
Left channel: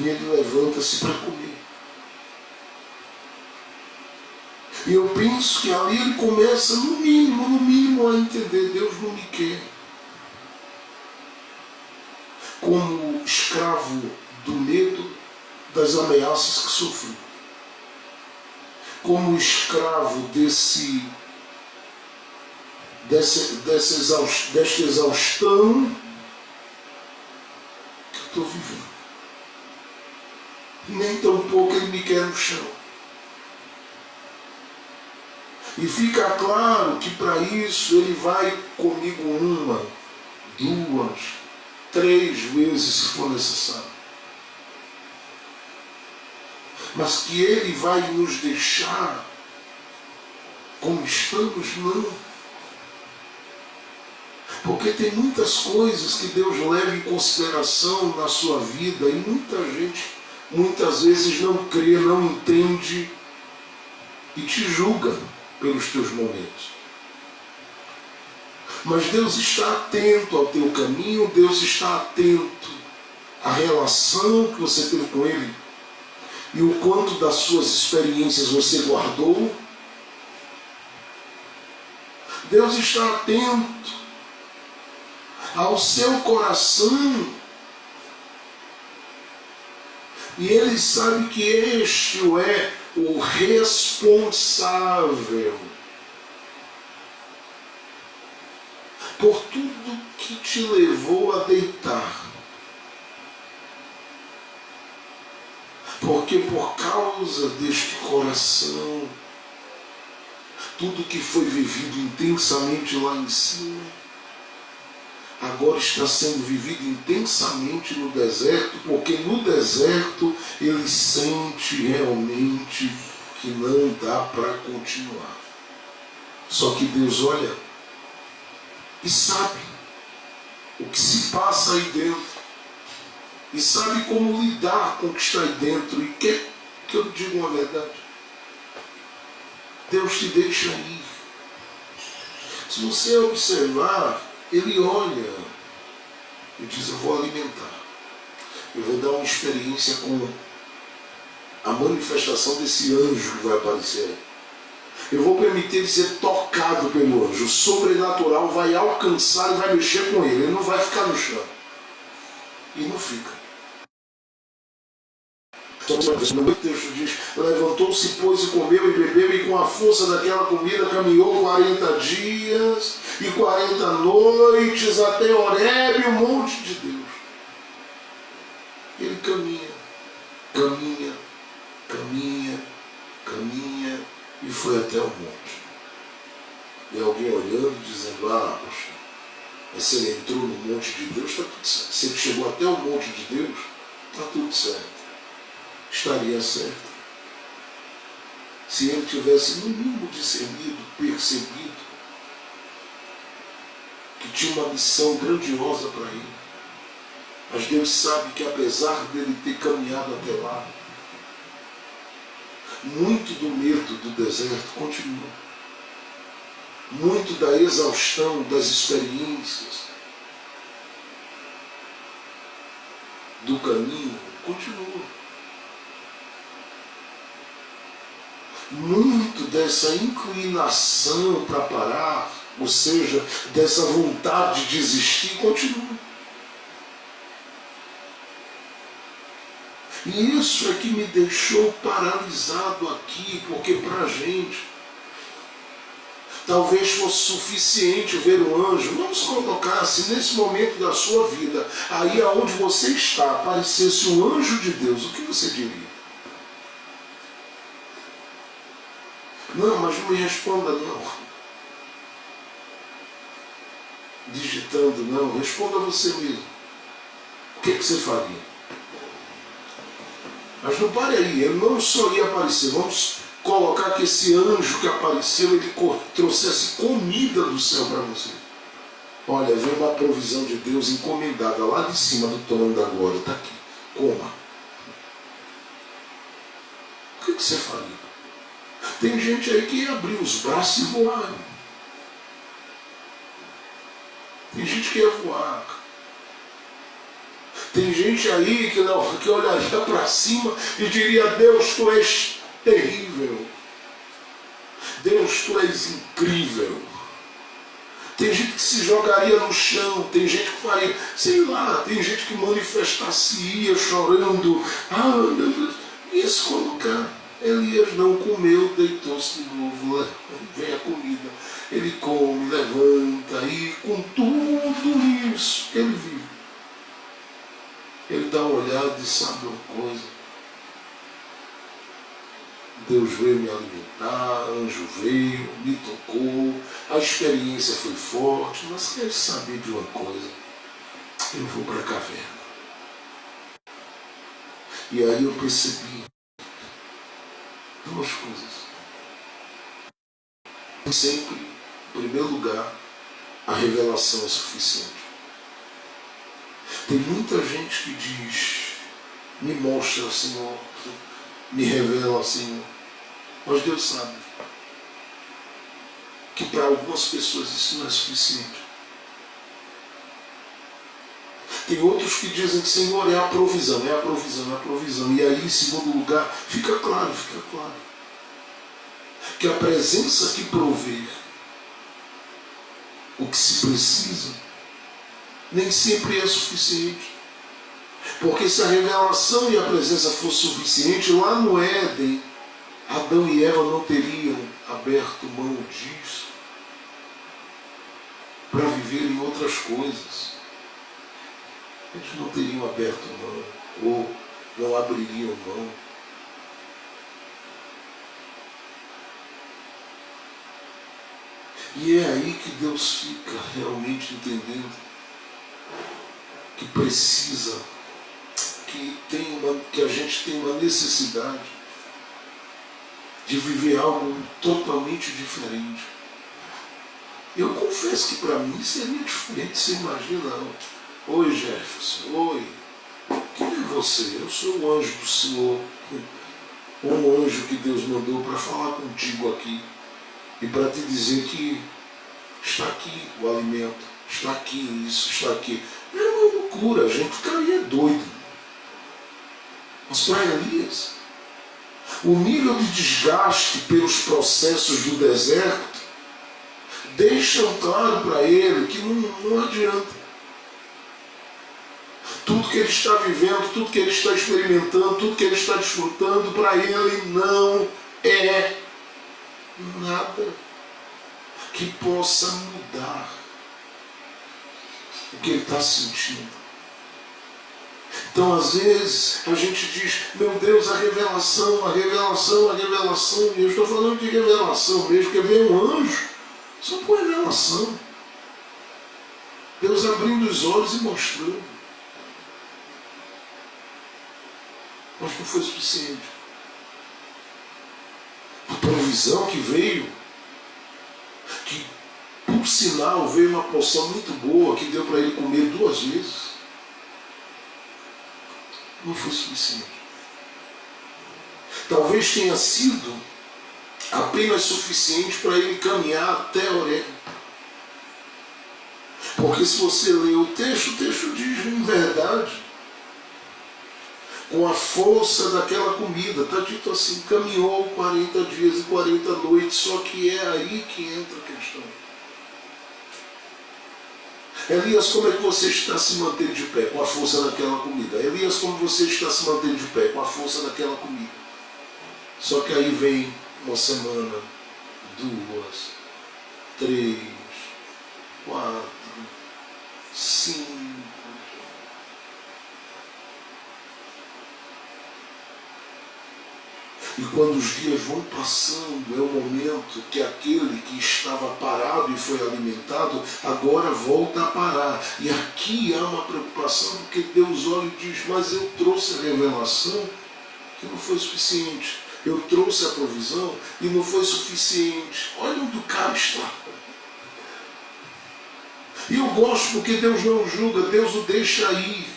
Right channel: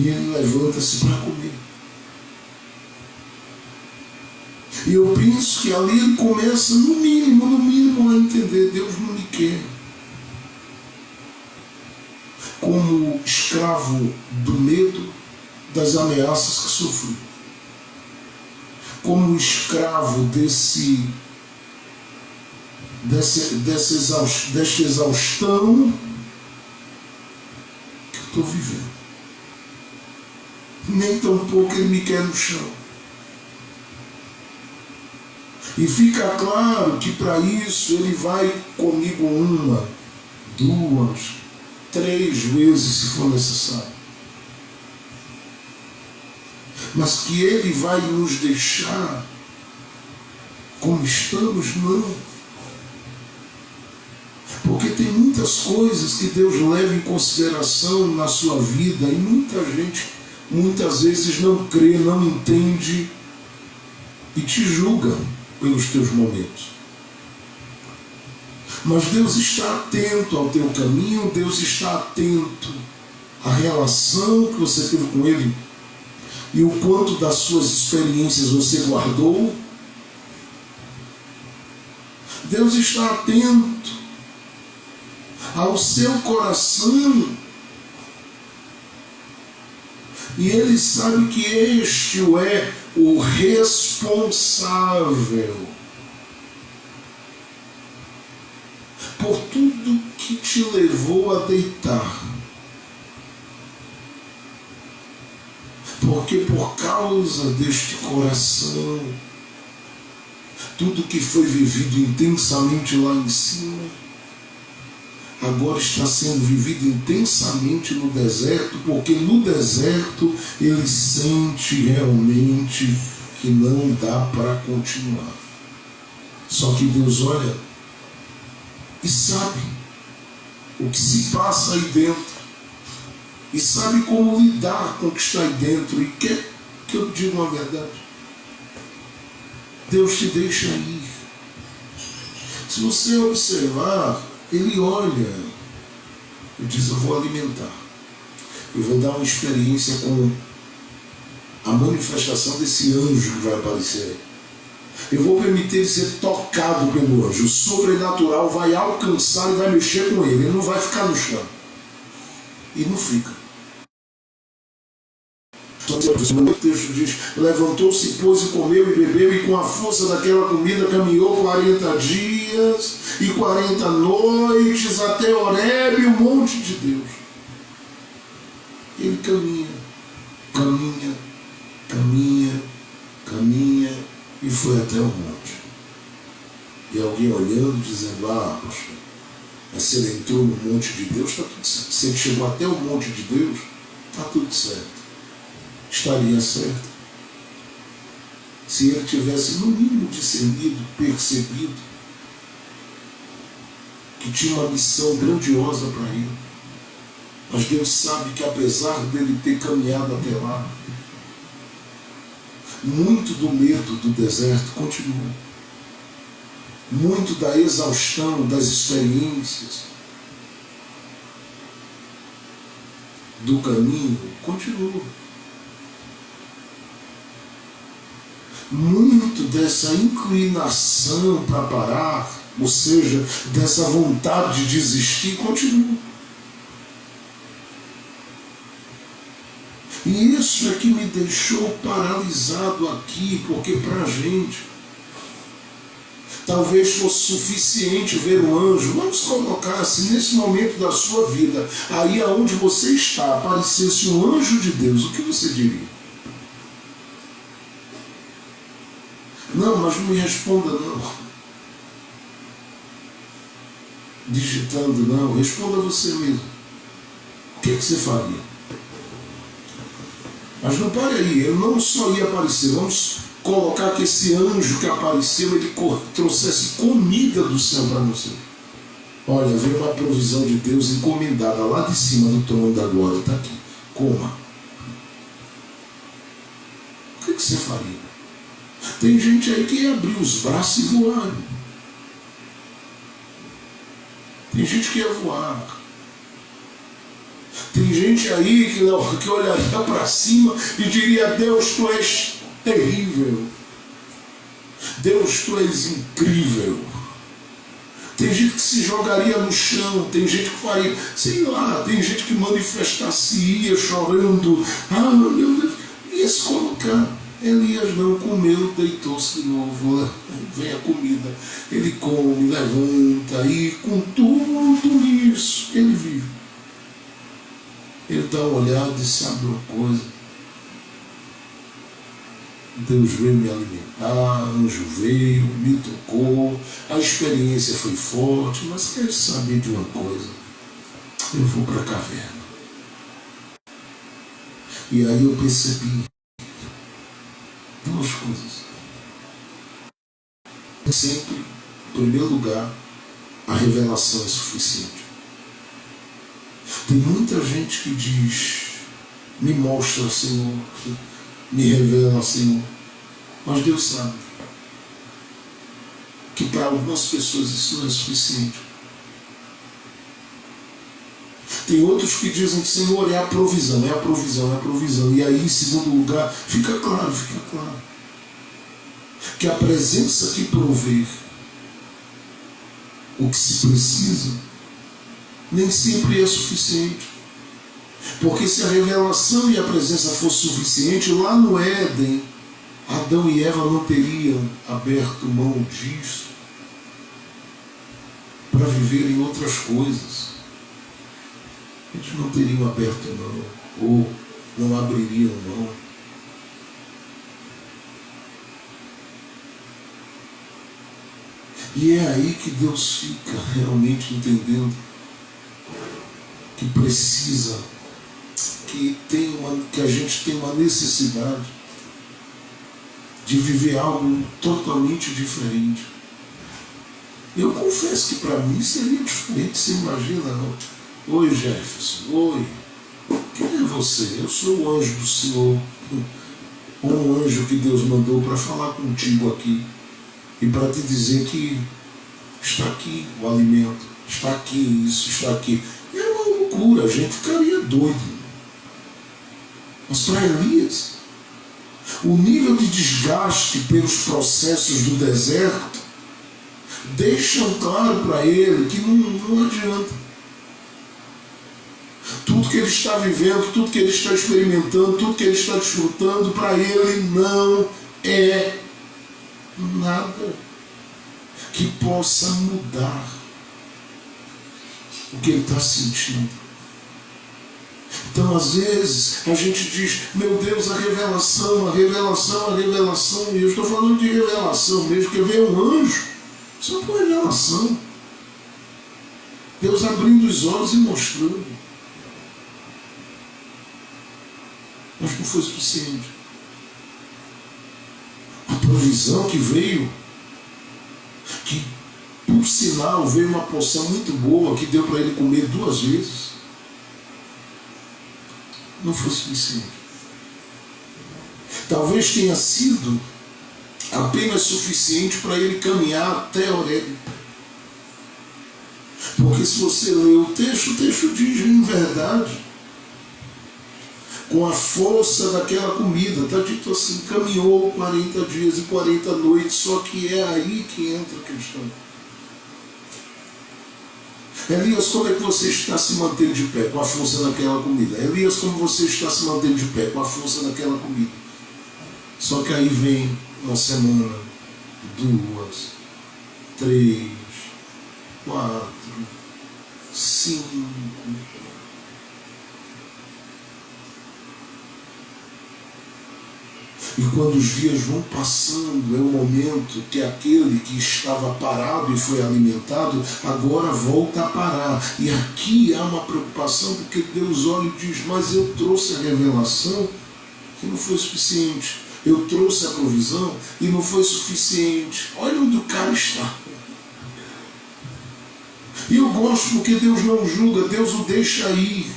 E ele levanta-se para comer. E eu penso que ali ele começa, no mínimo, a entender: Deus não me quer como escravo do medo, das ameaças que sofri, como escravo desta exaustão que eu estou vivendo. Nem tão pouco ele me quer no chão. E fica claro que para isso ele vai comigo 1, 2, 3 vezes se for necessário. Mas que ele vai nos deixar como estamos, não. Porque tem muitas coisas que Deus leva em consideração na sua vida e muita gente, muitas vezes, não crê, não entende e te julga pelos teus momentos. Mas Deus está atento ao teu caminho, Deus está atento à relação que você teve com Ele e o quanto das suas experiências você guardou. Deus está atento ao seu coração e Ele sabe que este é o responsável por tudo que te levou a deitar. Porque por causa deste coração, tudo que foi vivido intensamente lá em cima, agora está sendo vivido intensamente no deserto, porque no deserto ele sente realmente que não dá para continuar. Só que Deus olha e sabe o que se passa aí dentro, e sabe como lidar com o que está aí dentro, e quer que eu diga uma verdade: Deus te deixa ir. Se você observar, Ele olha e diz: eu vou alimentar, eu vou dar uma experiência com a manifestação desse anjo que vai aparecer. Eu vou permitir ele ser tocado pelo anjo. O sobrenatural vai alcançar e vai mexer com ele. Ele não vai ficar no chão. E não fica. O texto diz: levantou-se, pois, e comeu e bebeu, e com a força daquela comida caminhou 40 dias e 40 noites até Horebe, o monte de Deus. Ele caminha e foi até o monte. E alguém olhando, dizendo: ah, pastor, mas se ele entrou no monte de Deus, está tudo certo. Se ele chegou até o monte de Deus, está tudo certo. Estaria certo se ele tivesse, no mínimo, discernido, percebido que tinha uma missão grandiosa para ele. Mas Deus sabe que, apesar dele ter caminhado até lá, muito do medo do deserto continua. Muito da exaustão das experiências do caminho continua. Muito dessa inclinação para parar, ou seja, dessa vontade de desistir, continua. E isso é que me deixou paralisado aqui, porque para a gente talvez fosse suficiente ver o anjo. Vamos colocar, se nesse momento da sua vida, aí aonde você está, aparecesse um anjo de Deus, o que você diria? Não, mas não me responda não. Digitando não, responda você mesmo. O que você faria? Mas não pare aí, ele não só ia aparecer, vamos colocar que esse anjo que apareceu, ele trouxesse comida do céu para você. Olha, veio uma provisão de Deus encomendada lá de cima do trono da glória, está aqui, coma. O que você faria? Tem gente aí que ia abrir os braços e voar. Tem gente que ia voar. Tem gente aí que olharia para cima e diria: Deus, tu és terrível. Deus, tu és incrível. Tem gente que se jogaria no chão, tem gente que faria, sei lá, tem gente que manifestar-se-ia chorando. Ah, meu Deus, ia se colocar. Elias não comeu, deitou-se de novo, vem a comida. Ele come, levanta, e com tudo isso, ele vive. Ele dá uma olhada e sabe uma coisa. Deus veio me alimentar, anjo veio, me tocou, a experiência foi forte, mas quero saber de uma coisa. Eu vou para a caverna. E aí eu percebi duas coisas. Sempre, em primeiro lugar, a revelação é suficiente. Tem muita gente que diz, me mostra, Senhor, me revela, Senhor. Mas Deus sabe que para algumas pessoas isso não é suficiente. Tem outros que dizem que, Senhor, é a provisão, é a provisão, é a provisão. E aí, em segundo lugar, fica claro, que a presença que provê o que se precisa nem sempre é suficiente. Porque se a revelação e a presença fosse suficiente, lá no Éden, Adão e Eva não teriam aberto mão disso para viverem outras coisas. Eles não teriam aberto mão, ou não abririam mão. E é aí que Deus fica realmente entendendo que precisa, que a gente tem uma necessidade de viver algo totalmente diferente. Eu confesso que para mim seria diferente. Você imagina, oi Jefferson, oi, quem é você? Eu sou o anjo do Senhor, um anjo que Deus mandou para falar contigo aqui e para te dizer que está aqui o alimento, está aqui isso, está aqui. É uma loucura, a gente ficaria doido. Mas para Elias, o nível de desgaste pelos processos do deserto deixam claro para ele que não adianta. Tudo que ele está vivendo, tudo que ele está experimentando, tudo que ele está desfrutando, para ele não é nada que possa mudar o que ele está sentindo. Então, às vezes, a gente diz, meu Deus, a revelação, a revelação, a revelação. E eu estou falando de revelação mesmo, porque veio um anjo só por revelação. Deus abrindo os olhos e mostrando. Mas não foi suficiente. A provisão que veio, que por sinal veio uma porção muito boa, que deu para ele comer 2 vezes, não foi suficiente. Talvez tenha sido apenas suficiente para ele caminhar até Horebe. Porque se você ler o texto diz em verdade, com a força daquela comida, está dito assim, caminhou 40 dias e 40 noites, só que é aí que entra a questão. Elias, como é que você está se mantendo de pé com a força daquela comida? Elias, como você está se mantendo de pé com a força daquela comida? Só que aí vem uma semana, 2, 3, 4, 5. E quando os dias vão passando, é o momento que aquele que estava parado e foi alimentado, agora volta a parar. E aqui há uma preocupação, porque Deus olha e diz, mas eu trouxe a revelação que não foi suficiente. Eu trouxe a provisão e não foi suficiente. Olha onde o cara está. E eu gosto porque Deus não julga, Deus o deixa ir.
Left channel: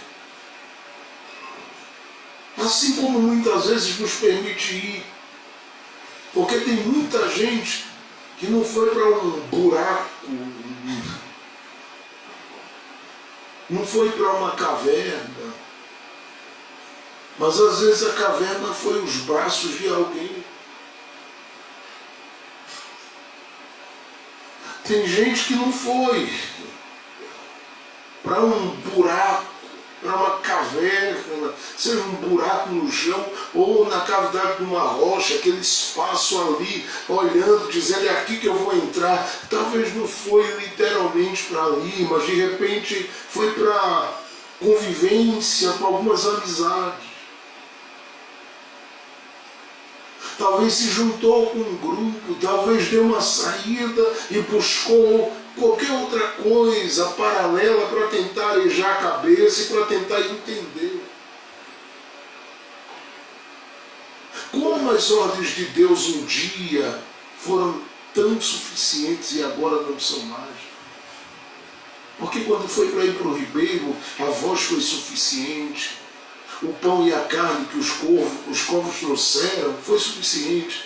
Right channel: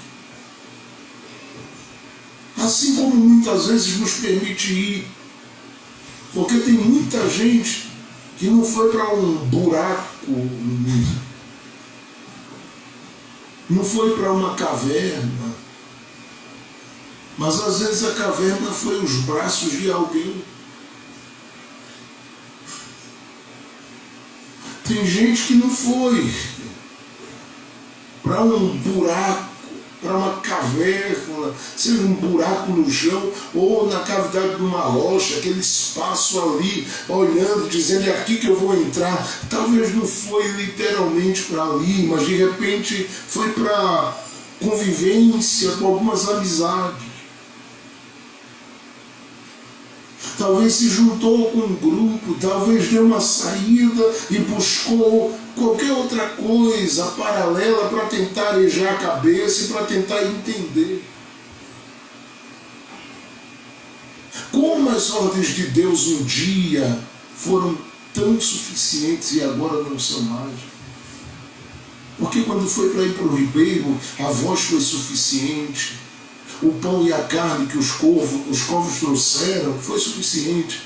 Assim como muitas vezes nos permite ir. Porque tem muita gente que não foi para um buraco, não foi para uma caverna, mas às vezes a caverna foi os braços de alguém. Tem gente que não foi para um buraco, para uma caverna, seja um buraco no chão ou na cavidade de uma rocha, aquele espaço ali, olhando, dizendo é aqui que eu vou entrar. Talvez não foi literalmente para ali, mas de repente foi para convivência com algumas amizades. Talvez se juntou com um grupo, talvez deu uma saída e buscou qualquer outra coisa paralela para tentar arejar a cabeça e para tentar entender. Como as ordens de Deus um dia foram tão suficientes e agora não são mais? Porque quando foi para ir para o ribeiro, a voz foi suficiente. O pão e a carne que os corvos trouxeram foi suficiente.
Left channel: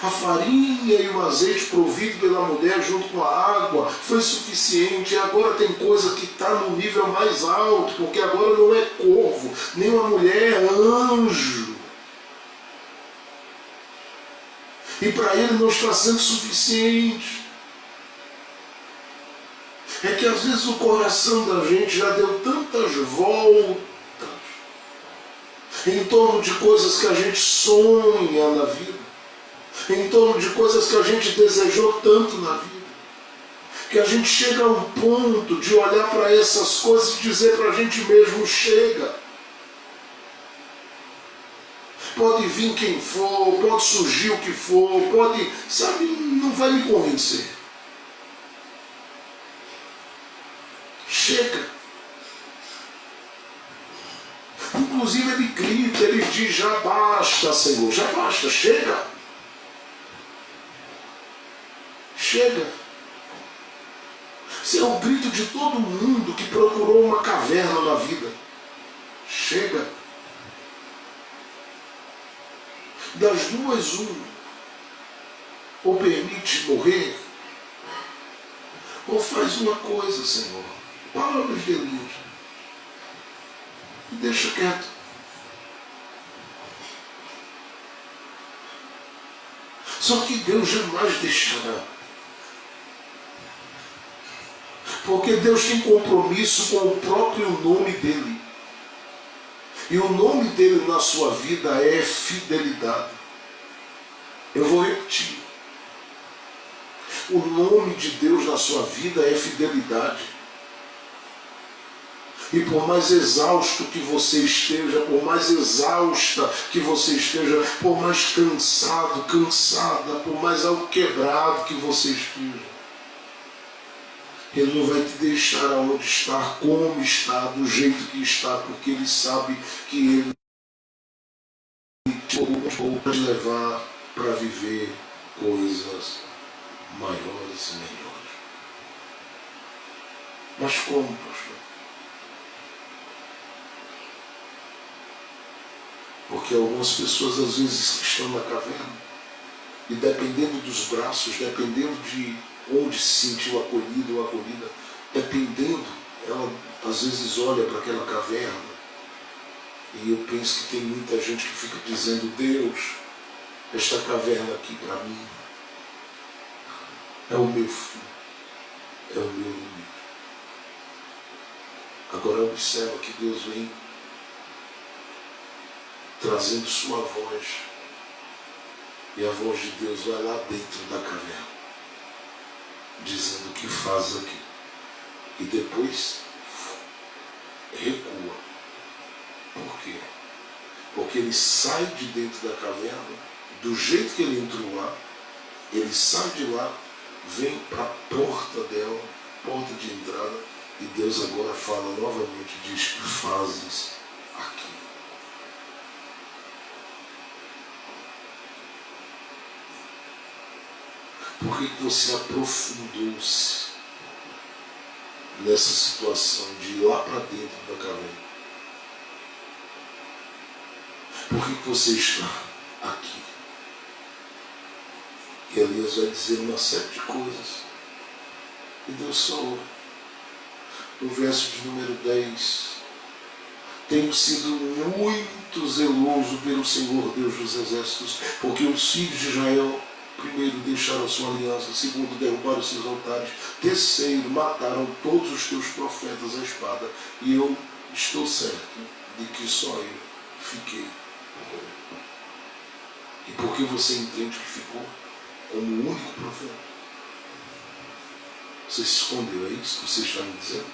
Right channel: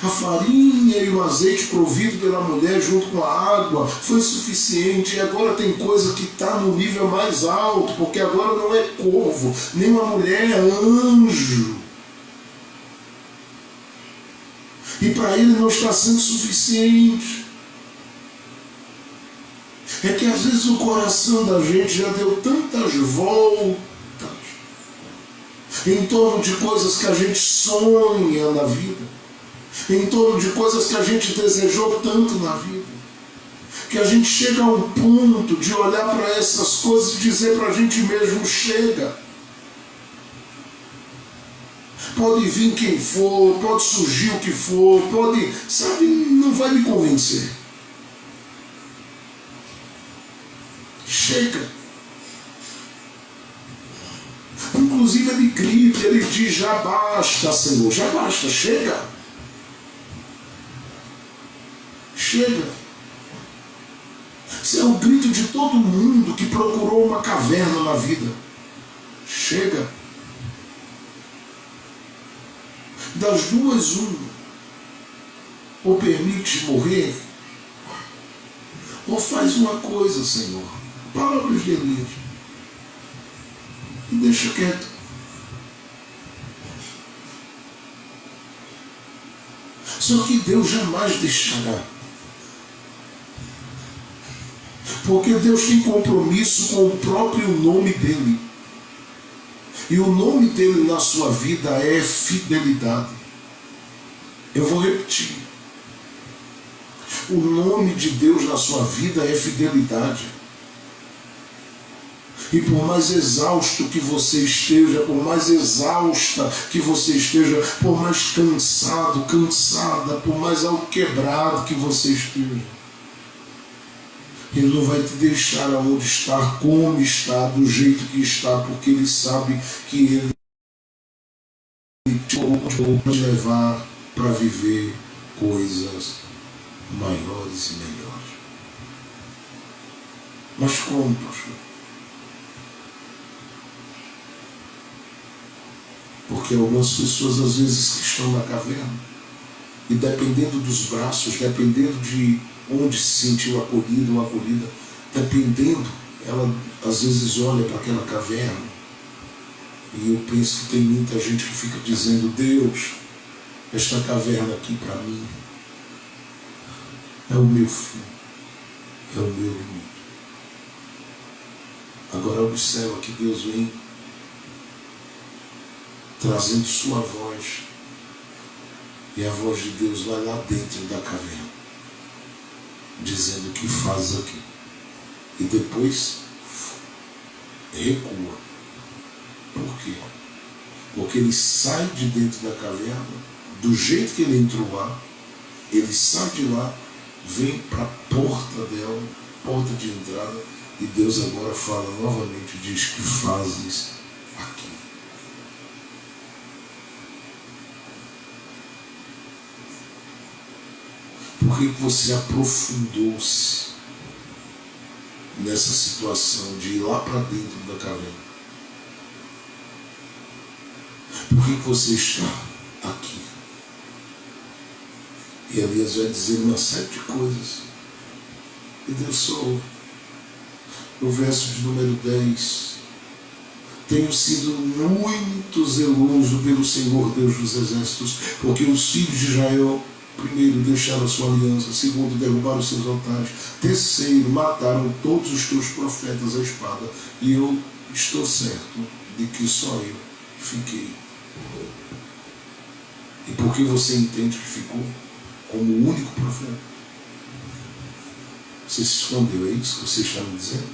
A farinha e o azeite provido pela mulher junto com a água foi suficiente. E agora tem coisa que está no nível mais alto, porque agora não é corvo, nem uma mulher, é anjo. E para ele não está sendo suficiente. É que às vezes o coração da gente já deu tantas voltas em torno de coisas que a gente sonha na vida, em torno de coisas que a gente desejou tanto na vida, que a gente chega a um ponto de olhar para essas coisas e dizer para a gente mesmo, chega. Pode vir quem for, pode surgir o que for, pode, sabe, não vai me convencer. Chega. Inclusive ele grita, ele diz, já basta, Senhor, já basta, chega. Chega. Esse é o grito de todo mundo que procurou uma caverna na vida. Chega. Das duas, uma. Ou permite morrer, ou faz uma coisa, Senhor. Para os delírios. E deixa quieto. Só que Deus jamais deixará. Porque Deus tem compromisso com o próprio nome dele. E o nome dele na sua vida é fidelidade. Eu vou repetir. O nome de Deus na sua vida é fidelidade. E por mais exausto que você esteja, por mais exausta que você esteja, por mais cansado, cansada, por mais alquebrado que você esteja, Ele não vai te deixar aonde está, como está, do jeito que está, porque Ele sabe que Ele te pode levar para viver coisas maiores e melhores. Mas como, pastor? Porque algumas pessoas às vezes estão na caverna e dependendo dos braços, dependendo de onde se sentiu acolhido ou acolhida, dependendo, ela às vezes olha para aquela caverna e eu penso que tem muita gente que fica dizendo, Deus, esta caverna aqui para mim é o meu fim, é o meu limite. Agora observa que Deus vem trazendo sua voz, e a voz de Deus vai lá dentro da caverna, dizendo o que faz aqui, e depois recua. Por quê? Porque ele sai de dentro da caverna, do jeito que ele entrou lá, ele sai de lá, vem para a porta dela, porta de entrada, e Deus agora fala novamente, diz que fazes aqui. Por que você aprofundou-se nessa situação de ir lá para dentro da caverna? Por que você está aqui? E Elias vai dizer uma série de coisas. E Deus sou. No verso de número 10, tenho sido muito zeloso pelo Senhor Deus dos Exércitos, porque os filhos de Israel Primeiro, deixaram a sua aliança. Segundo, derrubaram os seus altares. Terceiro, mataram todos os teus profetas à espada. E eu estou certo de que só eu fiquei. E por que você entende que ficou como o único profeta? Você se escondeu, é isso que você está me dizendo?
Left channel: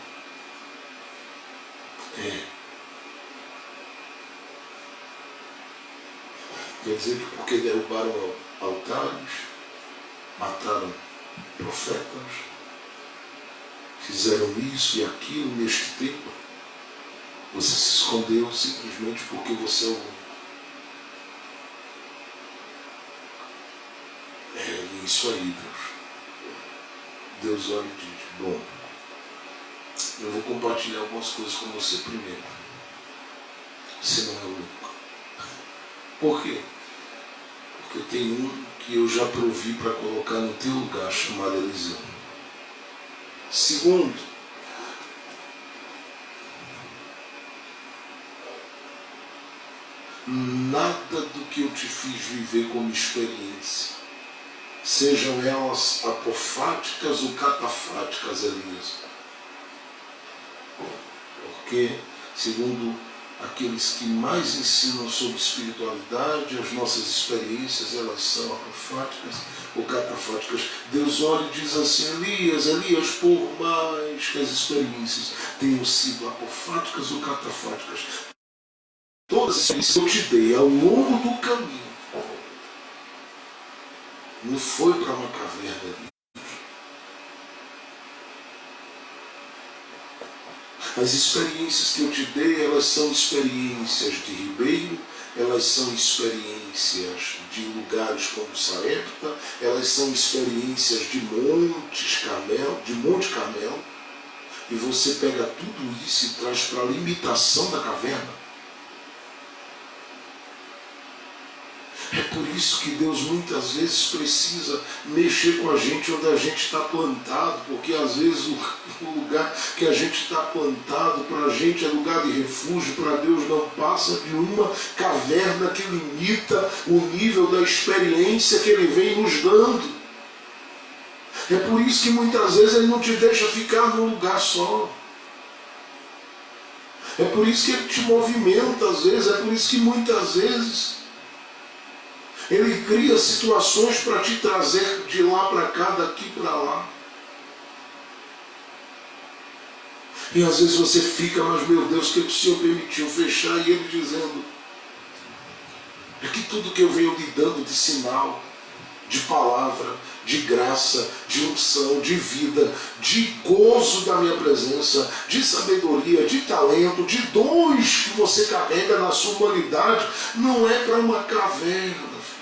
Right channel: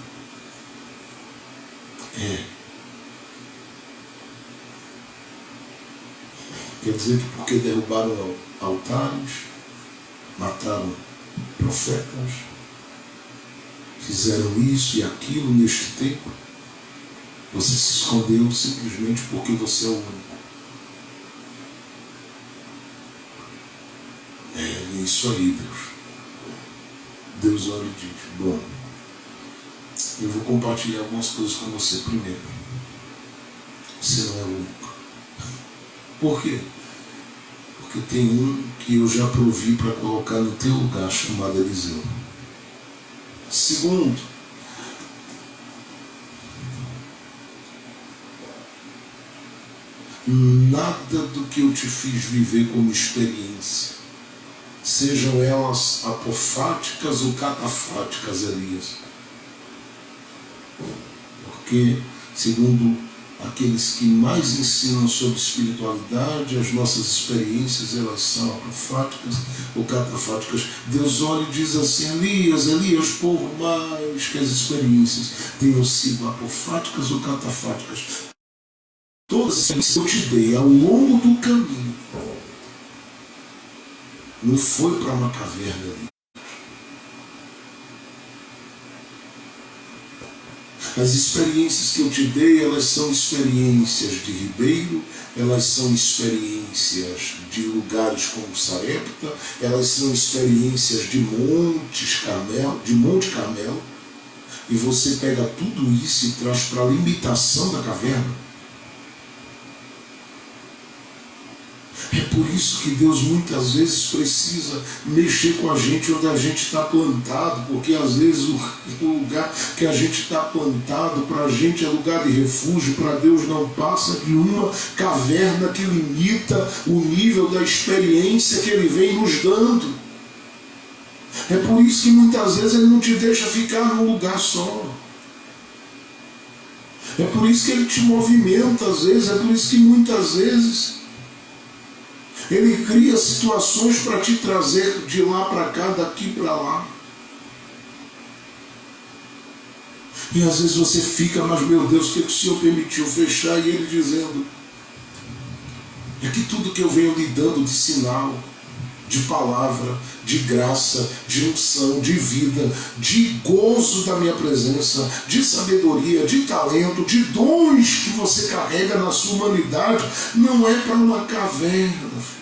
É. Quer dizer que porque derrubaram altares, mataram profetas, fizeram isso e aquilo neste tempo, você se escondeu simplesmente porque você é o único. É isso aí, Deus. Deus olha e diz, bom, eu vou compartilhar algumas coisas com você primeiro. Você não é o único. Por quê? Porque tem um que eu já provi para colocar no teu lugar, chamado Eliseu. Segundo, nada do que eu te fiz viver como experiência, sejam elas apofáticas ou catafáticas, Elias. Porque, segundo aqueles que mais ensinam sobre espiritualidade, as nossas experiências, elas são apofáticas ou catafáticas. Deus olha e diz assim, Elias, por mais que as experiências tenham sido apofáticas ou catafáticas, todas as experiências que eu te dei ao longo do caminho, não foi para uma caverna ali. As experiências que eu te dei, elas são experiências de ribeiro, elas são experiências de lugares como Sarepta, elas são experiências de Monte Carmelo, e você pega tudo isso e traz para a limitação da caverna. É por isso que Deus muitas vezes precisa mexer com a gente onde a gente está plantado, porque às vezes o lugar que a gente está plantado para a gente é lugar de refúgio, para Deus não passa de uma caverna que limita o nível da experiência que Ele vem nos dando. É por isso que muitas vezes Ele não te deixa ficar num lugar só. É por isso que Ele te movimenta às vezes, é por isso que muitas vezes Ele cria situações para te trazer de lá para cá, daqui para lá. E às vezes você fica, mas meu Deus, o que o Senhor permitiu fechar? E Ele dizendo, é que tudo que eu venho lhe dando de sinal, de palavra, de graça, de unção, de vida, de gozo da minha presença, de sabedoria, de talento, de dons que você carrega na sua humanidade, não é para uma caverna, filho.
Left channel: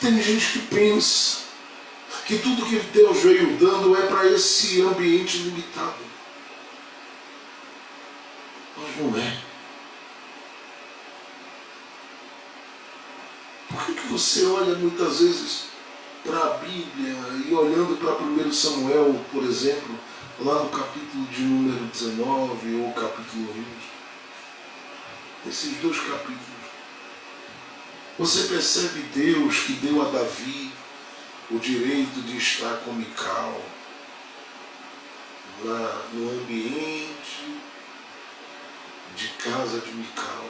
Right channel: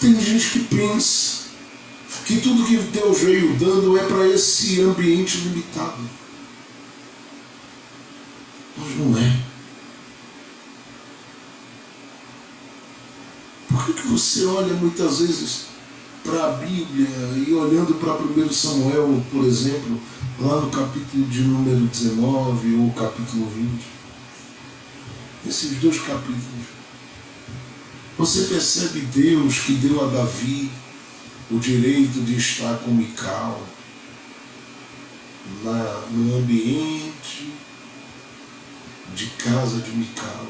Tem gente que pensa que tudo que Deus veio dando é para esse ambiente limitado. Mas não é. Por que você olha muitas vezes para a Bíblia e olhando para 1 Samuel, por exemplo, lá no capítulo de número 19 ou capítulo 20, esses dois capítulos, você percebe Deus que deu a Davi o direito de estar com Mical no ambiente de casa de Mical.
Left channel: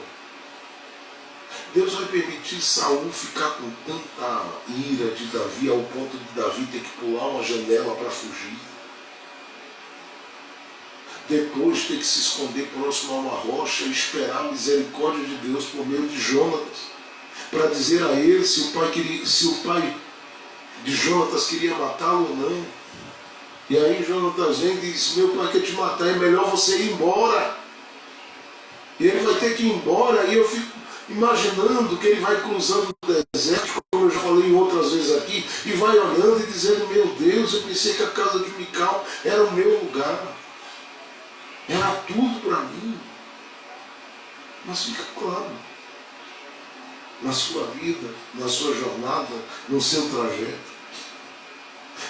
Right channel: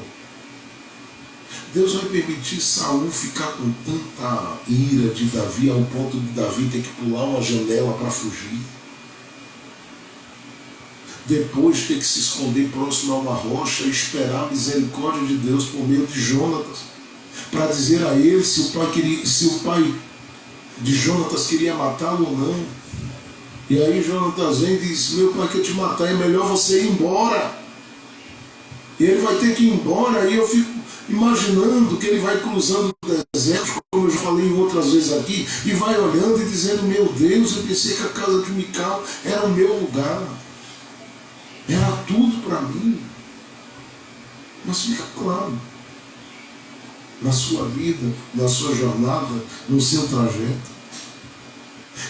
Deus vai permitir Saul ficar com tanta ira de Davi ao ponto de Davi ter que pular uma janela para fugir. Depois ter que se esconder próximo a uma rocha e esperar a misericórdia de Deus por meio de Jonatas, para dizer a ele se o pai de Jonatas queria matá-lo ou não. E aí Jonatas vem e diz, meu pai quer te matar, é melhor você ir embora. E ele vai ter que ir embora, e eu fico imaginando que ele vai cruzando o deserto, como eu já falei outras vezes aqui, e vai olhando e dizendo, meu Deus, eu pensei que a casa de Mical era o meu lugar. Era tudo para mim. Mas fica claro, na sua vida, na sua jornada, no seu trajeto,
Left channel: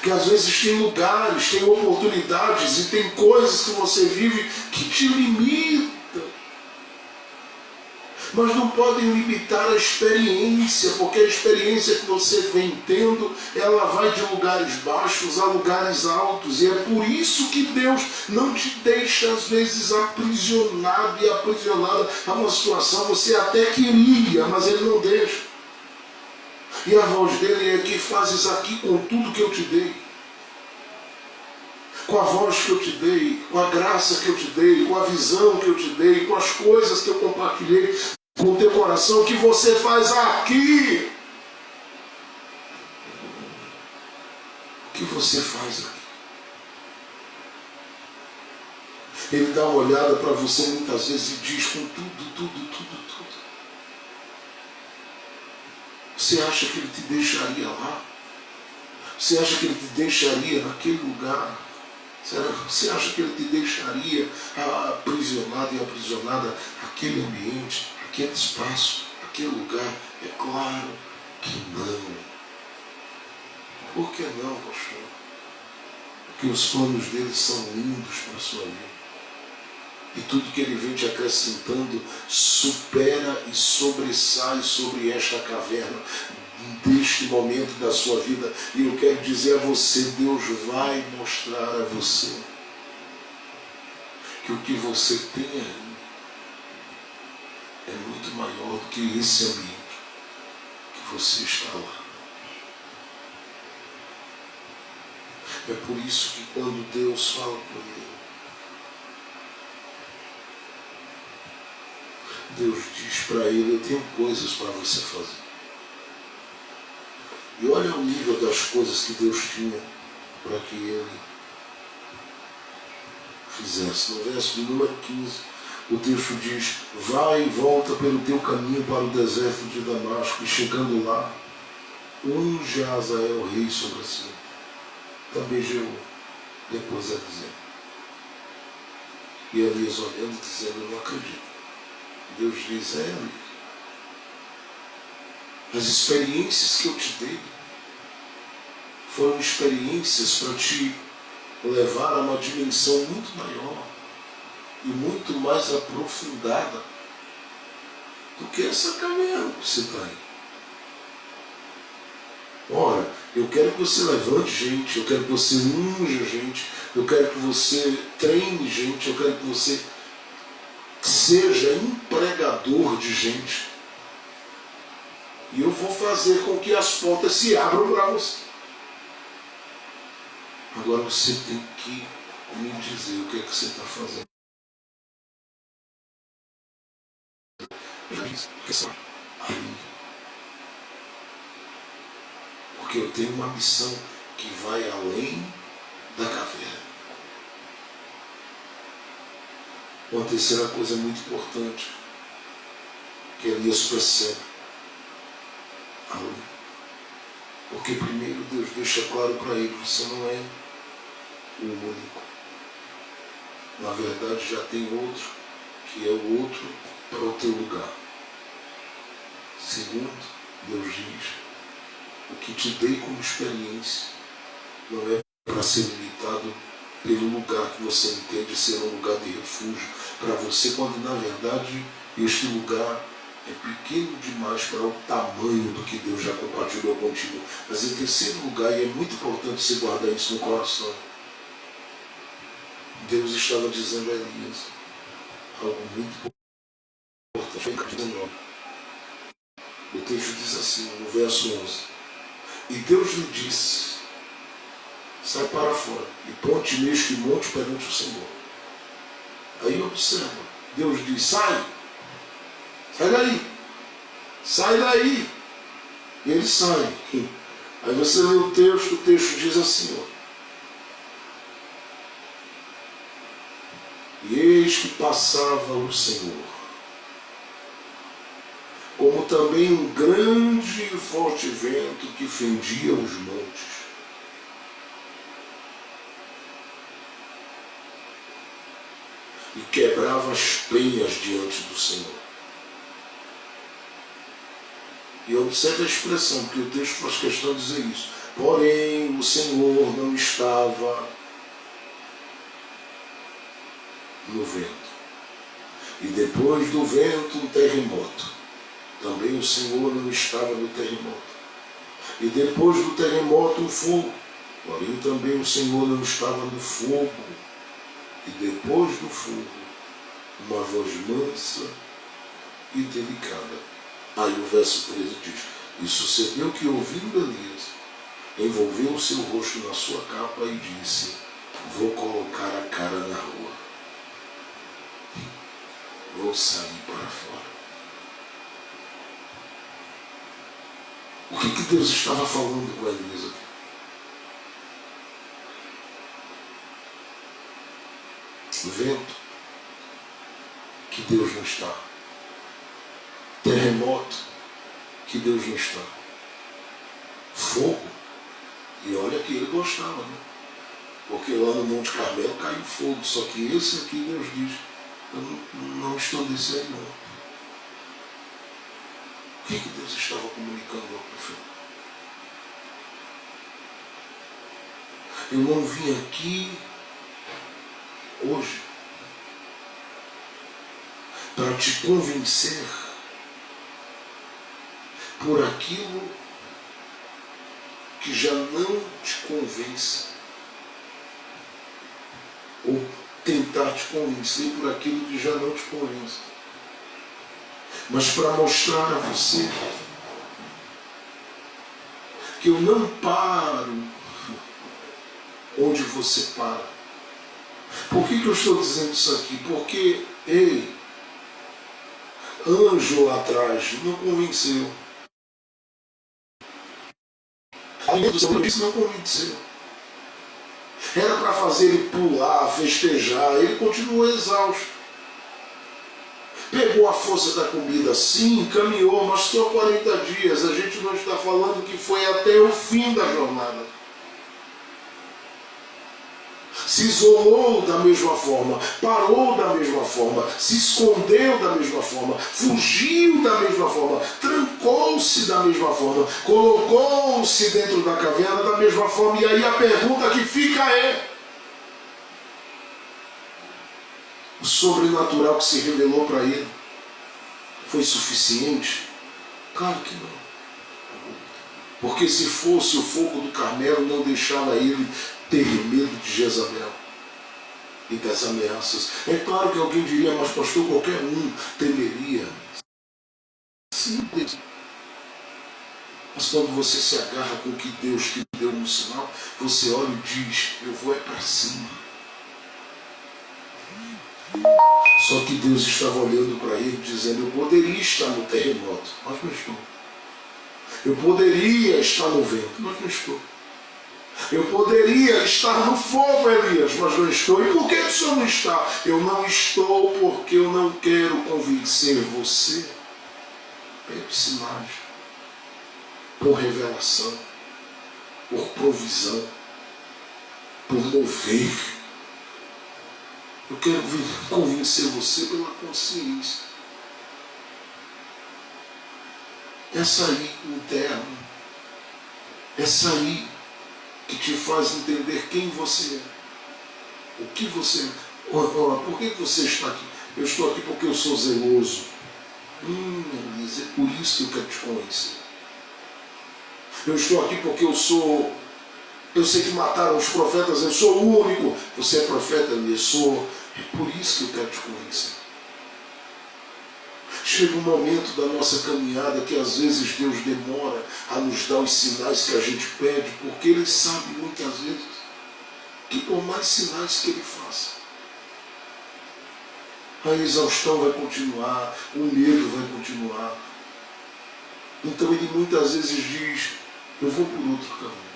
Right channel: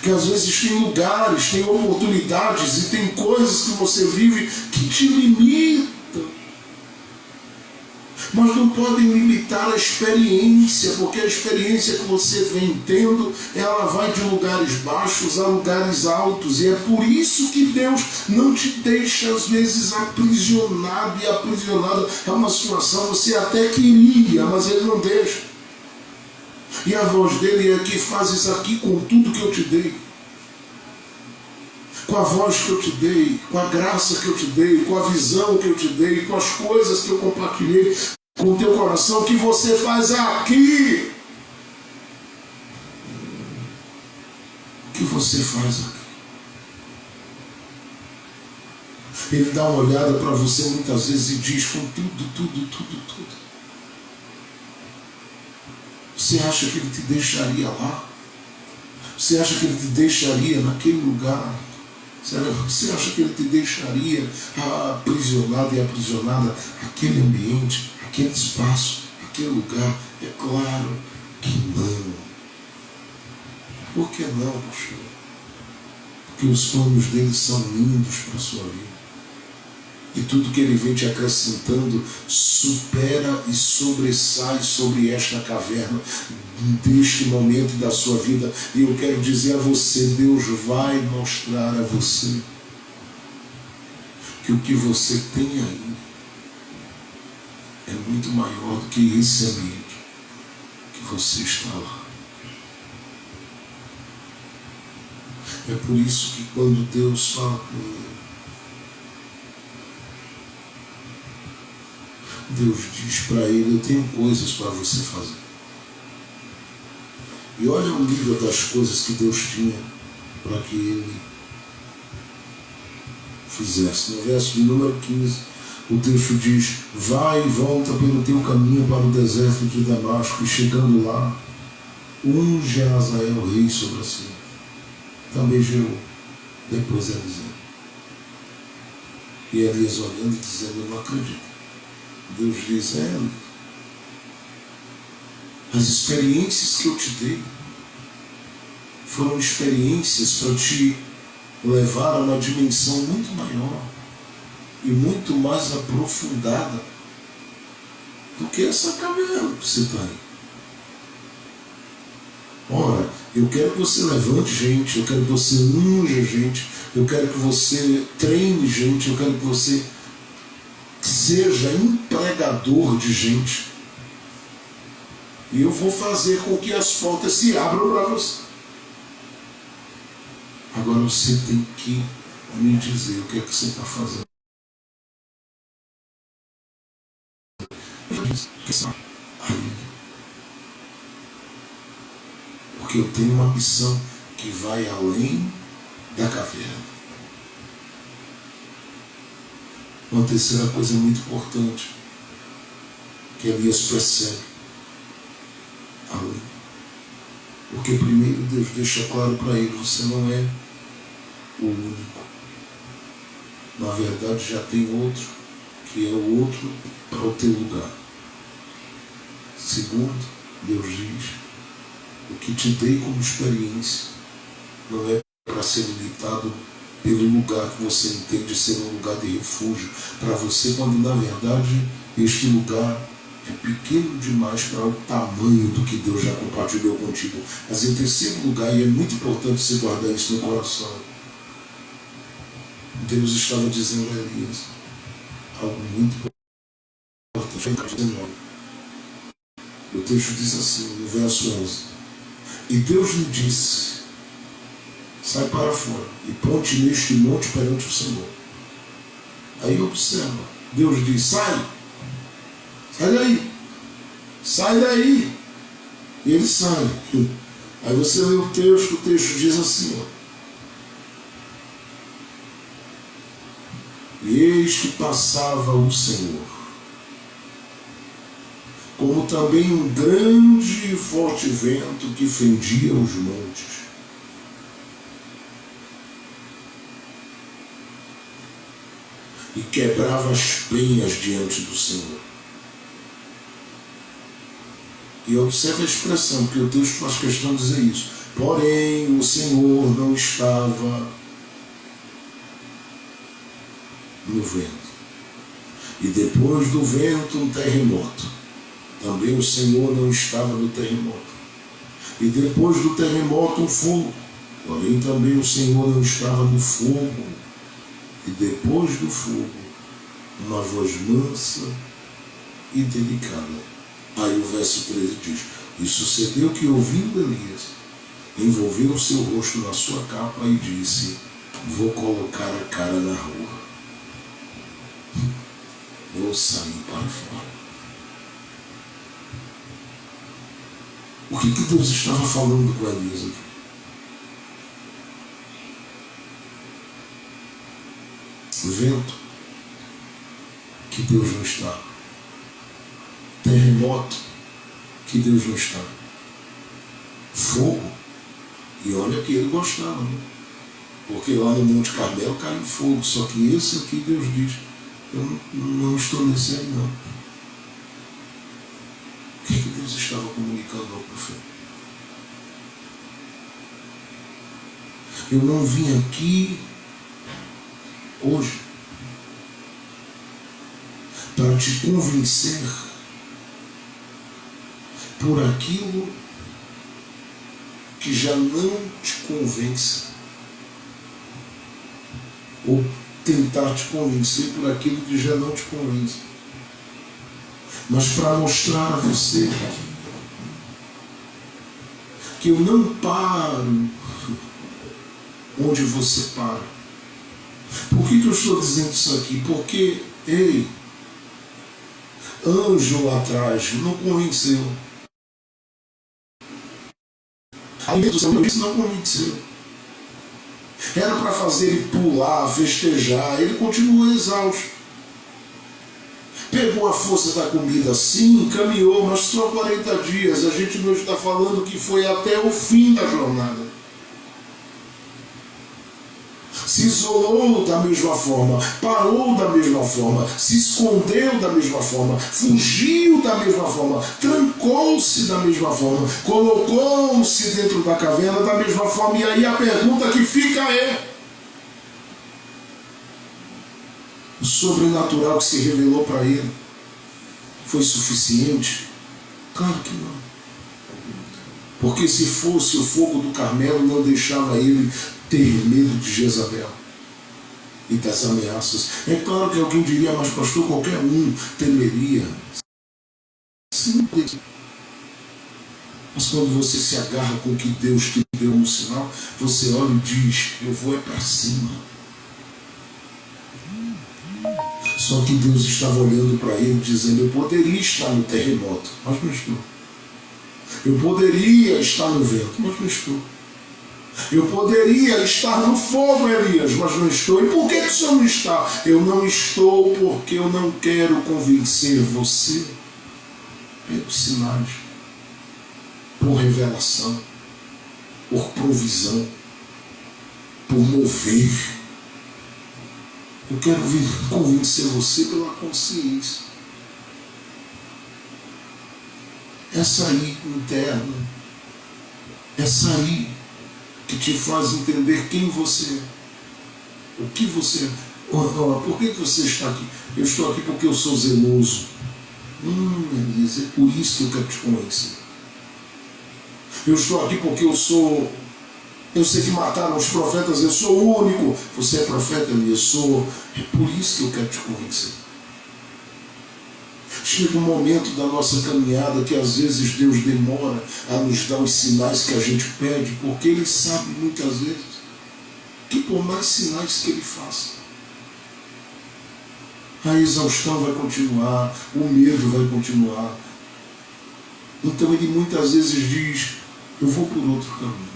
Porque às vezes tem lugares, tem oportunidades e tem coisas que você vive que te limitam. Mas não podem limitar a experiência, porque a experiência que você vem tendo, ela vai de lugares baixos a lugares altos. E é por isso que Deus não te deixa, às vezes, aprisionado e aprisionada a uma situação. Você até queria, mas Ele não deixa. E a voz dele é que fazes aqui com tudo que eu te dei. Com a voz que eu te dei, com a graça que eu te dei, com a visão que eu te dei, com as coisas que eu compartilhei com o teu coração, que você faz aqui. O que você faz aqui? Ele dá uma olhada para você muitas vezes e diz com tudo. Você acha que Ele te deixaria lá? Você acha que Ele te deixaria naquele lugar? Você acha que Ele te deixaria aprisionado e aprisionada naquele ambiente, aquele espaço, aquele lugar? É claro que não. Por que não, pastor? Porque os planos dele são lindos para a sua vida. E tudo que Ele vem te acrescentando supera e sobressai sobre esta caverna deste momento da sua vida. E eu quero dizer a você, Deus vai mostrar a você que o que você tem aí é muito maior do que esse ambiente que você está lá. É por isso que quando Deus fala com ele, Deus diz para ele, eu tenho coisas para você fazer. E olha o nível das coisas que Deus tinha para que ele fizesse. No verso de número 15, o texto diz, vai e volta pelo teu caminho para o deserto de Damasco, e chegando lá, unge a Azael rei sobre si. Também Jeú, depois Eliseu. E Elias olhando, dizendo, eu não acredito. Deus diz, Elias, as experiências que eu te dei foram experiências para te levar a uma dimensão muito maior e muito mais aprofundada do que essa caverna que você está aí. Ora, eu quero que você levante gente, eu quero que você unja gente, eu quero que você treine gente, eu quero que você seja empregador de gente. E eu vou fazer com que as portas se abram para você. Agora você tem que me dizer o que é que você está fazendo. Porque eu tenho uma missão que vai além da caverna. Uma terceira coisa muito importante que Elias percebe. Porque primeiro Deus deixa claro para ele, você não é o único. Na verdade já tem outro, que é o outro para o teu lugar. Segundo, Deus diz, o que te dei como experiência não é para ser limitado pelo lugar que você entende ser um lugar de refúgio para você, quando na verdade este lugar é pequeno demais para o tamanho do que Deus já compartilhou contigo. Mas em terceiro lugar, e é muito importante você guardar isso no coração, Deus estava dizendo a Elias algo muito importante. O texto diz assim, no verso 11, e Deus lhe disse, sai para fora e ponte neste monte perante o Senhor. Aí observa, Deus diz, sai daí, sai daí. E ele sai. Aí você lê o texto diz assim, ó, e eis que passava o Senhor, como também um grande e forte vento que fendia os montes. E quebrava as penhas diante do Senhor. E observe a expressão, porque o texto faz questão de dizer isso. Porém, o Senhor não estava no vento. E depois do vento, um terremoto. Também o Senhor não estava no terremoto. E depois do terremoto, um fogo. Porém, também o Senhor não estava no fogo. E depois do fogo, uma voz mansa e delicada. Aí o verso 13 diz: e sucedeu que, ouvindo Elias, envolveu o seu rosto na sua capa e disse: vou colocar a cara na rua. Vou sair para fora. O que Deus estava falando com Elias aqui? Vento, que Deus não está. Terremoto, que Deus não está. Fogo, e olha que ele gostava, né? Porque lá no Monte Carmelo caiu fogo, só que esse aqui Deus diz: eu não estou nesse aí não. O que Deus estava comunicando ao profeta? Eu não vim aqui hoje para te convencer por aquilo que já não te convence, ou tentar te convencer por aquilo que já não te convence, mas para mostrar a você que eu não paro onde você para. Por que eu estou dizendo isso aqui? Porque, ei, anjo lá atrás não convenceu. Além do Senhor, isso não convenceu. Era para fazer ele pular, festejar, ele continuou exausto. Pegou a força da comida, sim, caminhou, mas só 40 dias. A gente não está falando que foi até o fim da jornada. Se isolou da mesma forma, parou da mesma forma, se escondeu da mesma forma, fugiu da mesma forma, trancou-se da mesma forma, colocou-se dentro da caverna da mesma forma. E aí a pergunta que fica é: o sobrenatural que se revelou para ele foi suficiente? Claro que não. Porque se fosse, o fogo do Carmelo não deixava ele ter medo de Jezabel e das ameaças. É claro que alguém diria: mas pastor, qualquer um temeria. Sim, mas quando você se agarra com o que Deus te deu no sinal, você olha e diz: eu vou é para cima. Só que Deus estava olhando para ele dizendo: eu poderia estar no terremoto, mas não estou. Eu poderia estar no vento, mas não estou. Eu poderia estar no fogo, Elias, mas não estou. E por que o senhor não está? Eu não estou porque eu não quero convencer você pelos sinais, por revelação, por provisão, por mover. Eu quero convencer você pela consciência. Essa aí interna, essa aí que te faz entender quem você é, o que você é. Por que você está aqui? Eu estou aqui porque eu sou zeloso. Elisa, é por isso que eu quero te conhecer. Eu estou aqui porque eu sei que mataram os profetas, eu sou o único. Você é profeta, eu sou. É por isso que eu quero te conhecer. Chega um momento da nossa caminhada que às vezes Deus demora a nos dar os sinais que a gente pede, porque Ele sabe muitas vezes que por mais sinais que Ele faça, a exaustão vai continuar, o medo vai continuar. Então Ele muitas vezes diz: eu vou por outro caminho.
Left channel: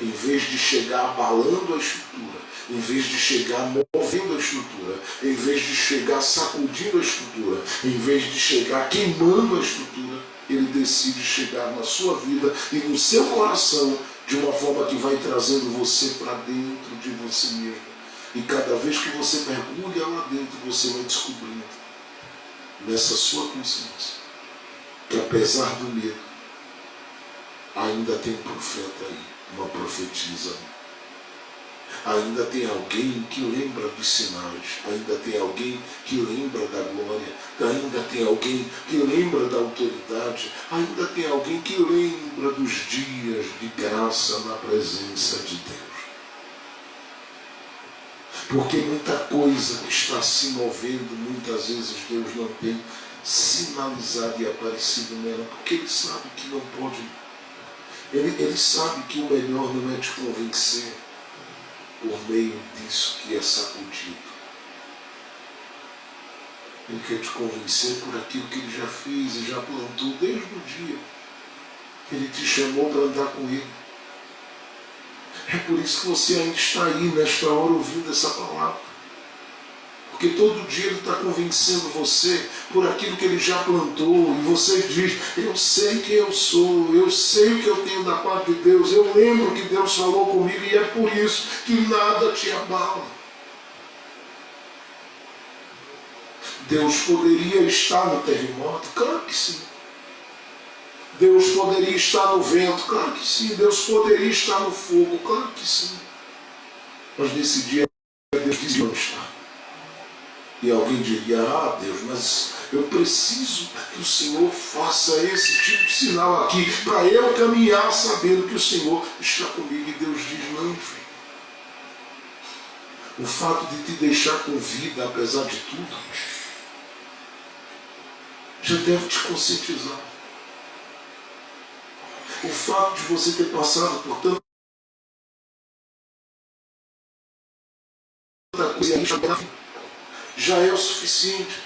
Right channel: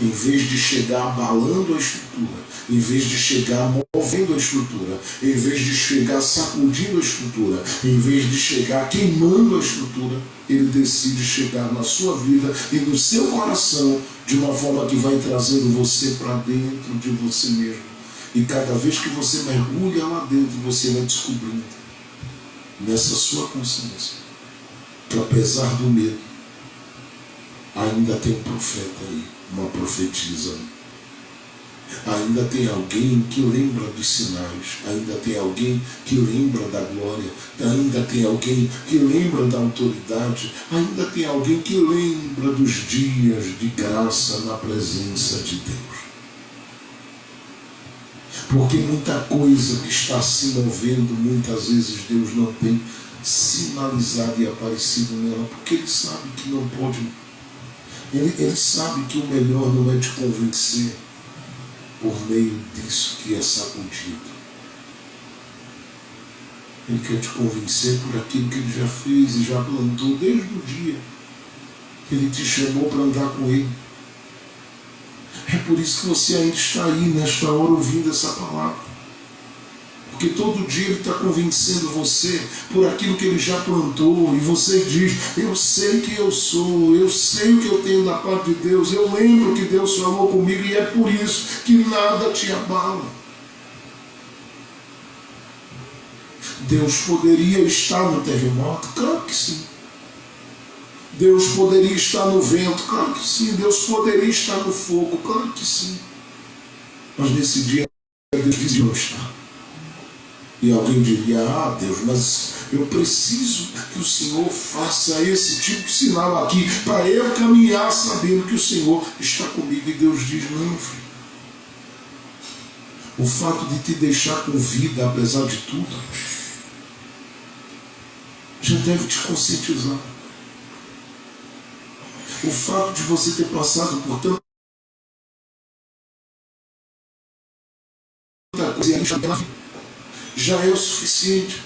Em vez de chegar abalando a estrutura, em vez de chegar movendo a estrutura, em vez de chegar sacudindo a estrutura, em vez de chegar queimando a estrutura, ele decide chegar na sua vida e no seu coração de uma forma que vai trazendo você para dentro de você mesmo. E cada vez que você mergulha lá dentro, você vai descobrindo nessa sua consciência que, apesar do medo, Ainda tem um profeta aí, uma profetisa aí. Ainda tem alguém que lembra dos sinais, ainda tem alguém que lembra da glória, ainda tem alguém que lembra da autoridade, ainda tem alguém que lembra dos dias de graça na presença de Deus. Porque muita coisa que está se movendo, muitas vezes Deus não tem sinalizado e aparecido nela, porque Ele sabe que não pode, Ele sabe que o melhor não é te convencer por meio disso que é sacudido. Ele quer te convencer por aquilo que Ele já fez e já plantou desde o dia que Ele te chamou para andar com Ele. É por isso que você ainda está aí nesta hora ouvindo essa palavra. Porque todo dia Ele está convencendo você por aquilo que Ele já plantou. E você diz, eu sei quem eu sou, eu sei o que eu tenho da parte de Deus, eu lembro que Deus falou comigo e é por isso que nada te abala. Deus poderia estar no terremoto? Claro que sim. Deus poderia estar no vento? Claro que sim. Deus poderia estar no fogo? Claro que sim. Mas nesse dia Deus disse não está. E alguém diria, Deus, mas eu preciso que o Senhor faça esse tipo de sinal aqui, para eu caminhar sabendo que o Senhor está comigo. E Deus diz, não, filho. O fato de te deixar com vida, apesar de tudo, já deve te conscientizar. O fato de você ter passado por tanta coisa já é o suficiente.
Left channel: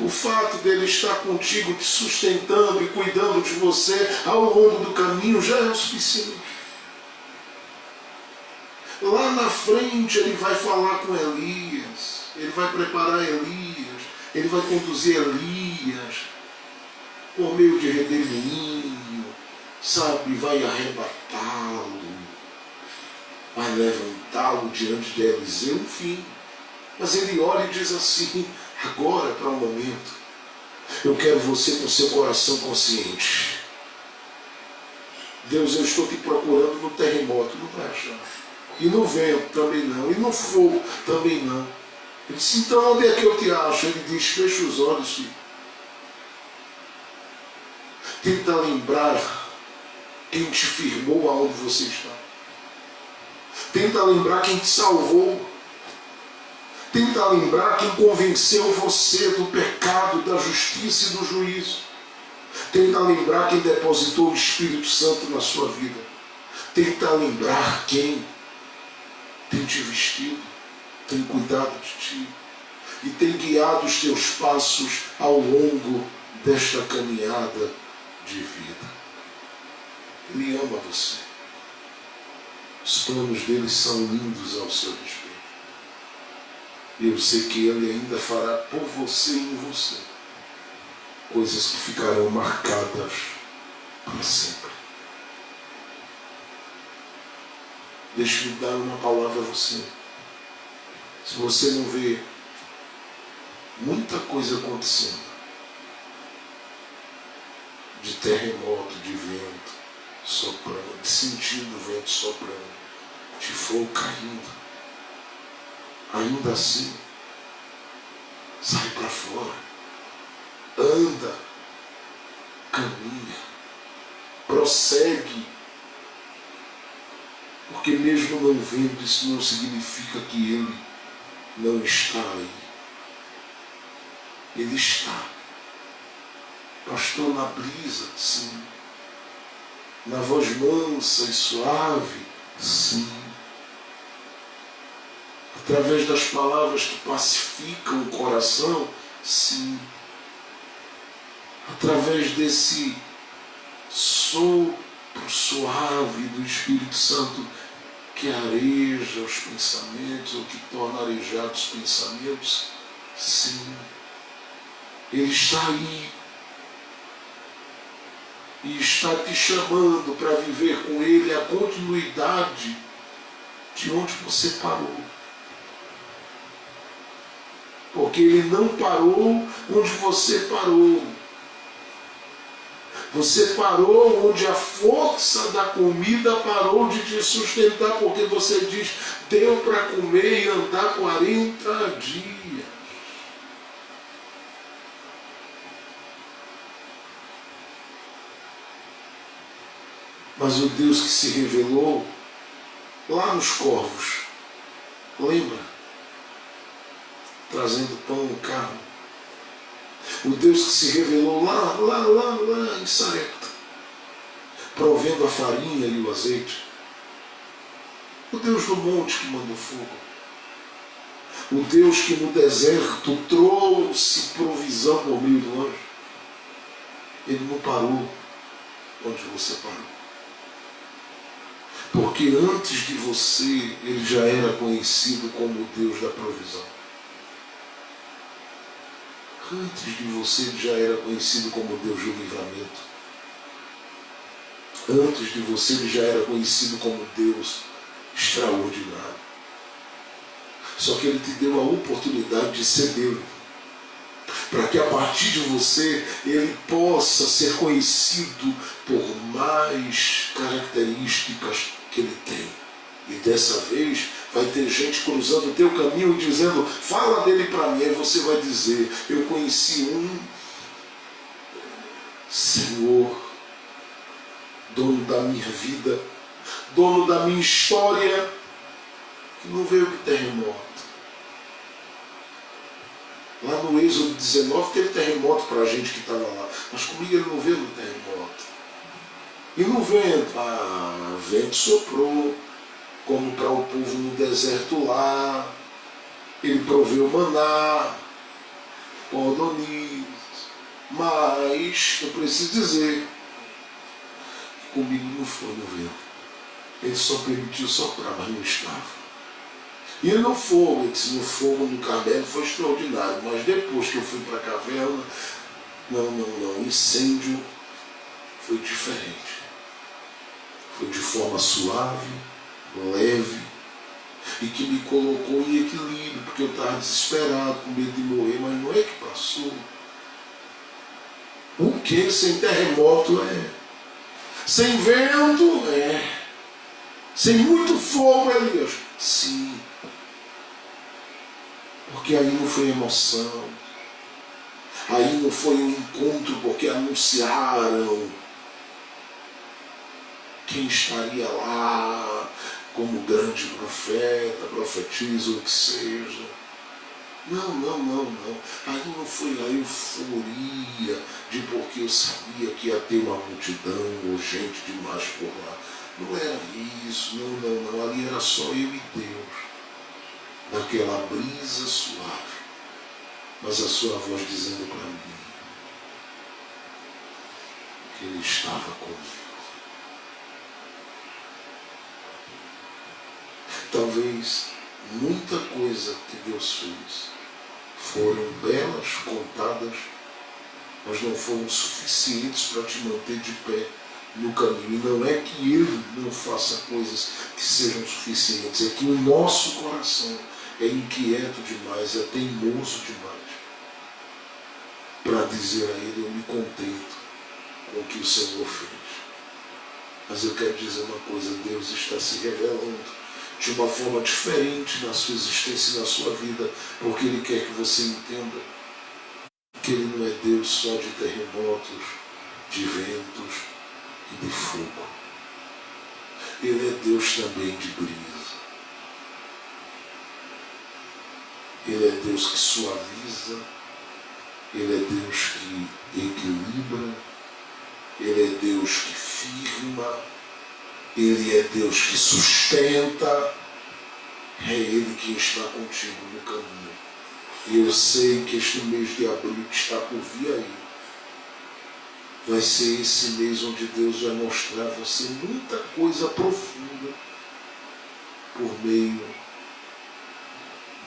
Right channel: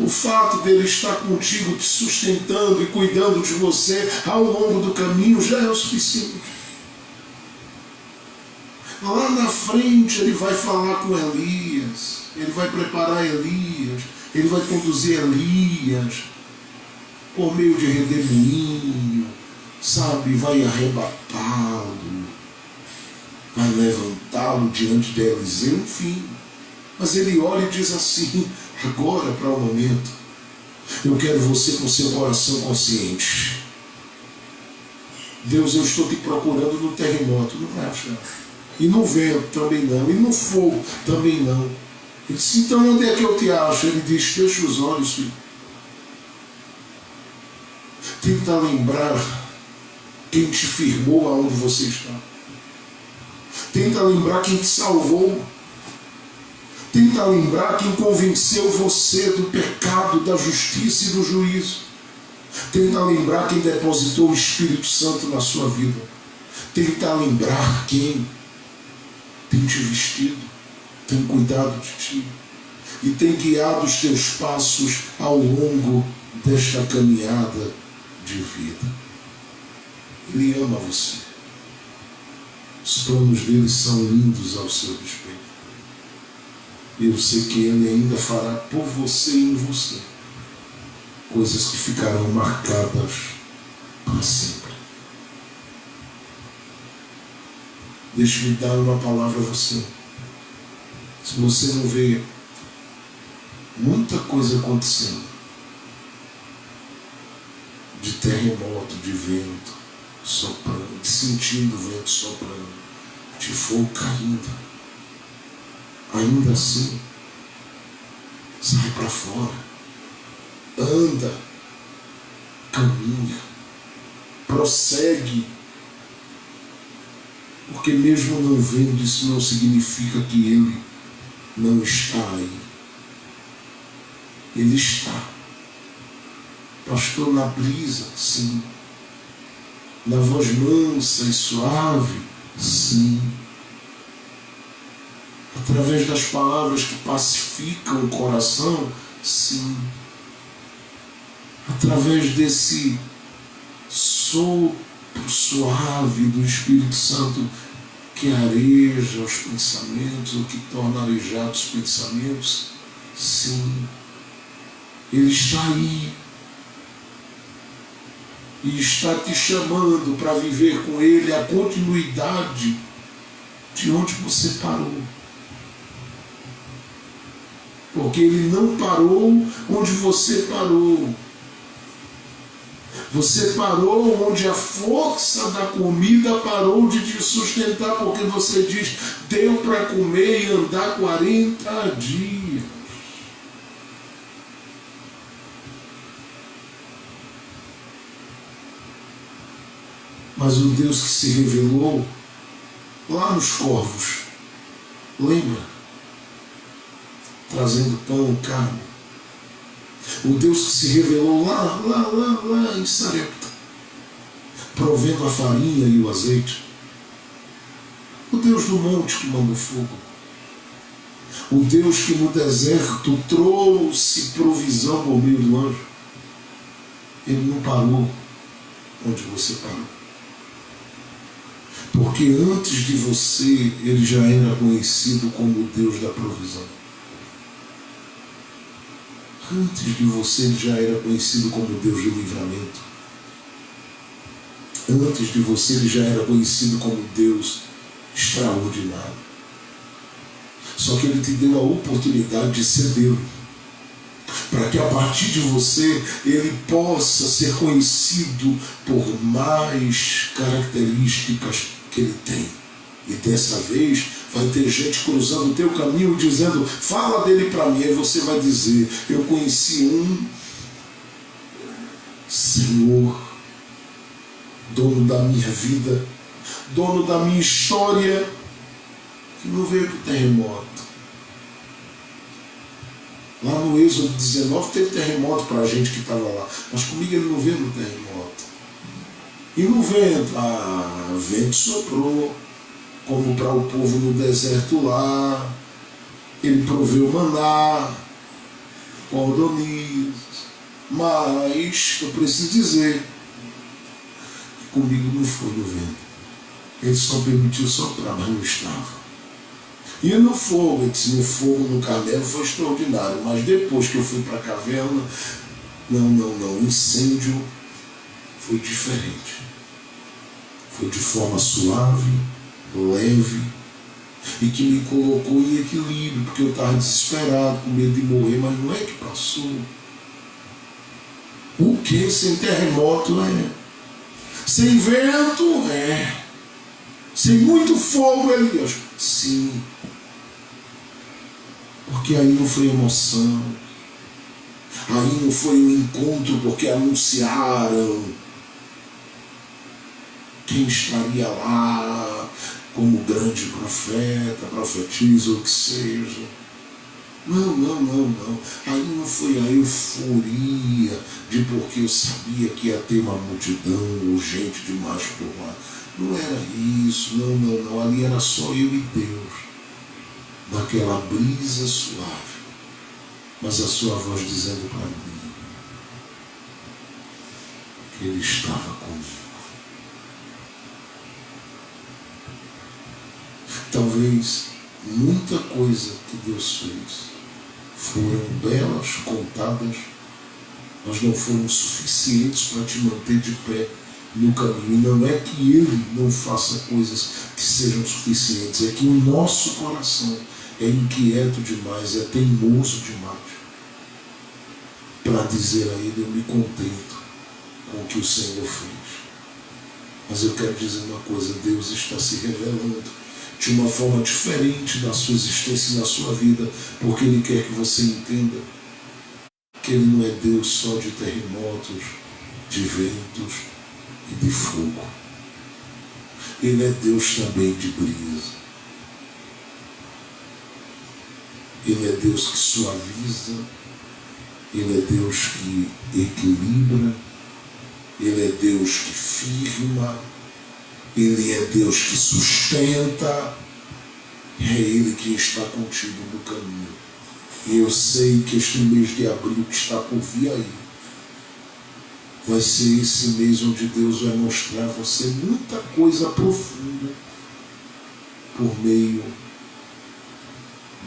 O fato dele estar contigo, te sustentando e cuidando de você ao longo do caminho já é o suficiente. Lá na frente Ele vai falar com Elias, Ele vai preparar Elias, Ele vai conduzir Elias por meio de redemoinho, sabe, vai arrebatá-lo, vai levantá-lo diante de Eliseu, enfim. Mas Ele olha e diz assim, agora para o momento, eu quero você com seu coração consciente. Deus, eu estou te procurando no terremoto, não vai achar. E no vento também não, e no fogo também não. Ele disse, então onde é que eu te acho? Ele diz, fecha os olhos, filho. Tenta lembrar quem te firmou aonde você está. Tenta lembrar quem te salvou. Tenta lembrar quem convenceu você do pecado, da justiça e do juízo. Tenta lembrar quem depositou o Espírito Santo na sua vida. Tenta lembrar quem tem te vestido, tem cuidado de ti e tem guiado os teus passos ao longo desta caminhada de vida. Ele ama você. Os planos dele são lindos ao seu respeito. Eu sei que Ele ainda fará por você e em você coisas que ficarão marcadas para sempre. Deixe-me dar uma palavra a você. Se você não vê muita coisa acontecendo, de terremoto, de vento soprando, de sentindo o vento soprando, de fogo caindo, ainda assim, sai para fora, anda, caminha, prossegue, porque mesmo não vendo, isso não significa que Ele não está aí. Ele está. Pastor, na brisa, sim. Na voz mansa e suave, sim. Através das palavras que pacificam o coração, sim. Através desse sopro suave do Espírito Santo que areja os pensamentos, ou que torna arejados os pensamentos, sim. Ele está aí e está te chamando para viver com Ele a continuidade de onde você parou. Porque Ele não parou onde você parou. Você parou onde a força da comida parou de te sustentar, porque você diz, deu para comer e andar 40 dias. Mas o Deus que se revelou lá nos corvos, lembra? Trazendo pão e carne. O Deus que se revelou lá em Sarepta, provendo a farinha e o azeite. O Deus do monte que mandou fogo. O Deus que no deserto trouxe provisão por meio do anjo. Ele não parou onde você parou. Porque antes de você, ele já era conhecido como o Deus da provisão. Antes de você, ele já era conhecido como Deus do livramento. Antes de você, ele já era conhecido como Deus extraordinário. Só que ele te deu a oportunidade de cedê-lo, para que a partir de você, ele possa ser conhecido por mais características que ele tem. E dessa vez vai ter gente cruzando o teu caminho e dizendo, fala dele para mim. Aí você vai dizer, eu conheci um Senhor, dono da minha vida, dono da minha história, que não veio para o terremoto. Lá no Êxodo 19 teve terremoto para a gente que estava lá, mas comigo ele não veio no terremoto. E no vento, o vento soprou, como para o povo no deserto lá, ele proveu maná, cordonizes, mas eu preciso dizer que comigo não foi no vento. Ele só permitiu soprar, mas não estava. E no fogo, ele disse, no fogo no Carmelo foi extraordinário, mas depois que eu fui para a caverna, não, o incêndio foi diferente. Foi de forma suave, leve, e que me colocou em equilíbrio, porque eu estava desesperado, com medo de morrer, mas não é que passou. O que sem terremoto é? Sem vento é? Sem muito fogo, Elias? Sim. Porque aí não foi emoção, aí não foi um encontro porque anunciaram quem estaria lá como grande profeta, profetiza, o que seja. Não. Aí não foi a euforia de porque eu sabia que ia ter uma multidão ou gente demais por lá. Não era isso, não. Ali era só eu e Deus. Naquela brisa suave, mas a sua voz dizendo para mim que ele estava comigo. Talvez muita coisa que Deus fez foram belas, contadas, mas não foram suficientes para te manter de pé no caminho. E não é que ele não faça coisas que sejam suficientes, é que o nosso coração é inquieto demais, é teimoso demais para dizer a ele, eu me contento com o que o Senhor fez. Mas eu quero dizer uma coisa, Deus está se revelando de uma forma diferente na sua existência e na sua vida, porque Ele quer que você entenda que Ele não é Deus só de terremotos, de ventos e de fogo. Ele é Deus também de brisa. Ele é Deus que suaviza, Ele é Deus que equilibra, Ele é Deus que firma, Ele é Deus que sustenta, é Ele que está contigo no caminho. E eu sei que este mês de abril que está por vir aí, vai ser esse mês onde Deus vai mostrar a você muita coisa profunda por meio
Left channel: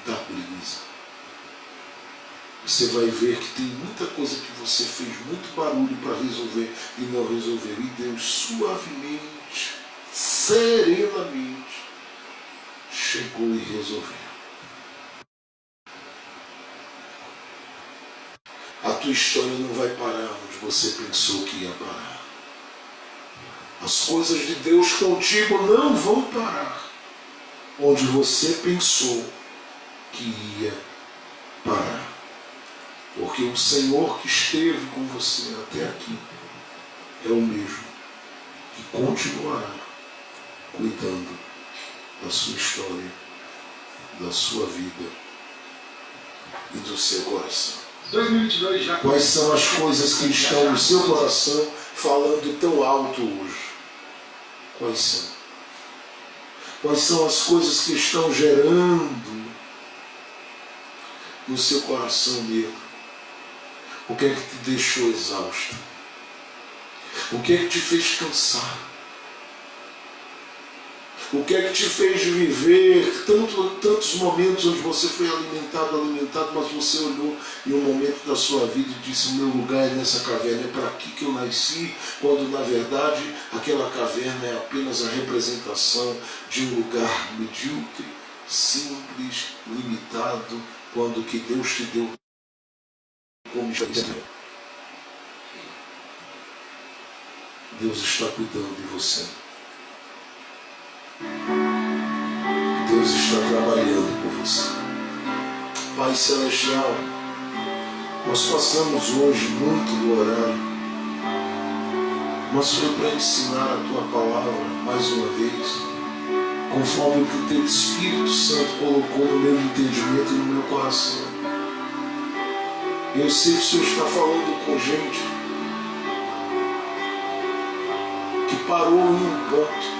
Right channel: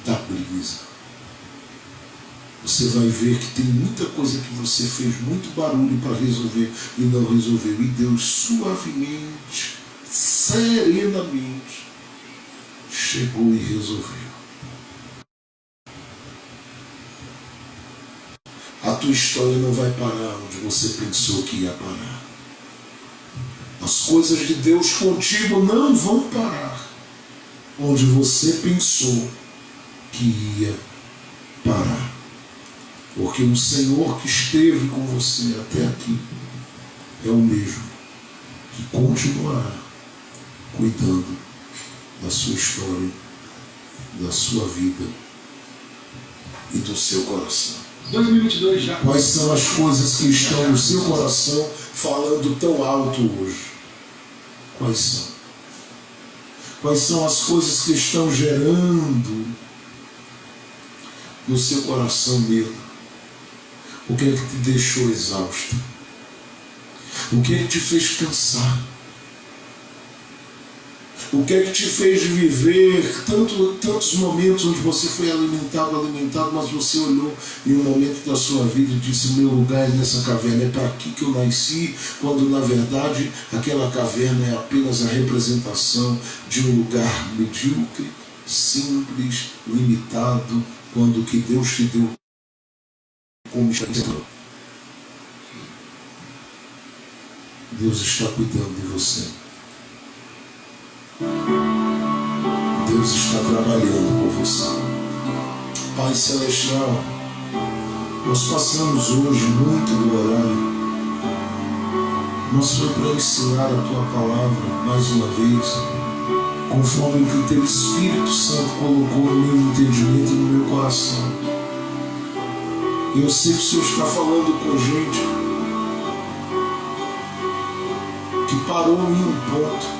da brisa. Você vai ver que tem muita coisa que você fez muito barulho para resolver e não resolveu. E Deus suavemente, serenamente, chegou e resolveu. A tua história não vai parar onde você pensou que ia parar. As coisas de Deus contigo não vão parar onde você pensou que ia parar. Porque o Senhor que esteve com você até aqui é o mesmo que continuará cuidando da sua história, da sua vida e do seu coração. 2022 já. Quais são as coisas que estão no seu coração falando tão alto hoje? Quais são? Quais são as coisas que estão gerando no seu coração medo? O que é que te deixou exausto? O que é que te fez cansar? O que é que te fez viver tantos momentos onde você foi alimentado, mas você olhou em um momento da sua vida e disse: meu lugar é nessa caverna, é para aqui que eu nasci, quando na verdade aquela caverna é apenas a representação de um lugar medíocre, simples, limitado, quando o que Deus te deu como experiência. Deus está cuidando de você. Deus está trabalhando por você. Pai Celestial, nós passamos hoje muito do horário, mas foi para ensinar a Tua palavra mais uma vez, conforme o que o Teu Espírito Santo colocou no meu entendimento e no meu coração. Eu sei que o Senhor está falando com gente que parou em um ponto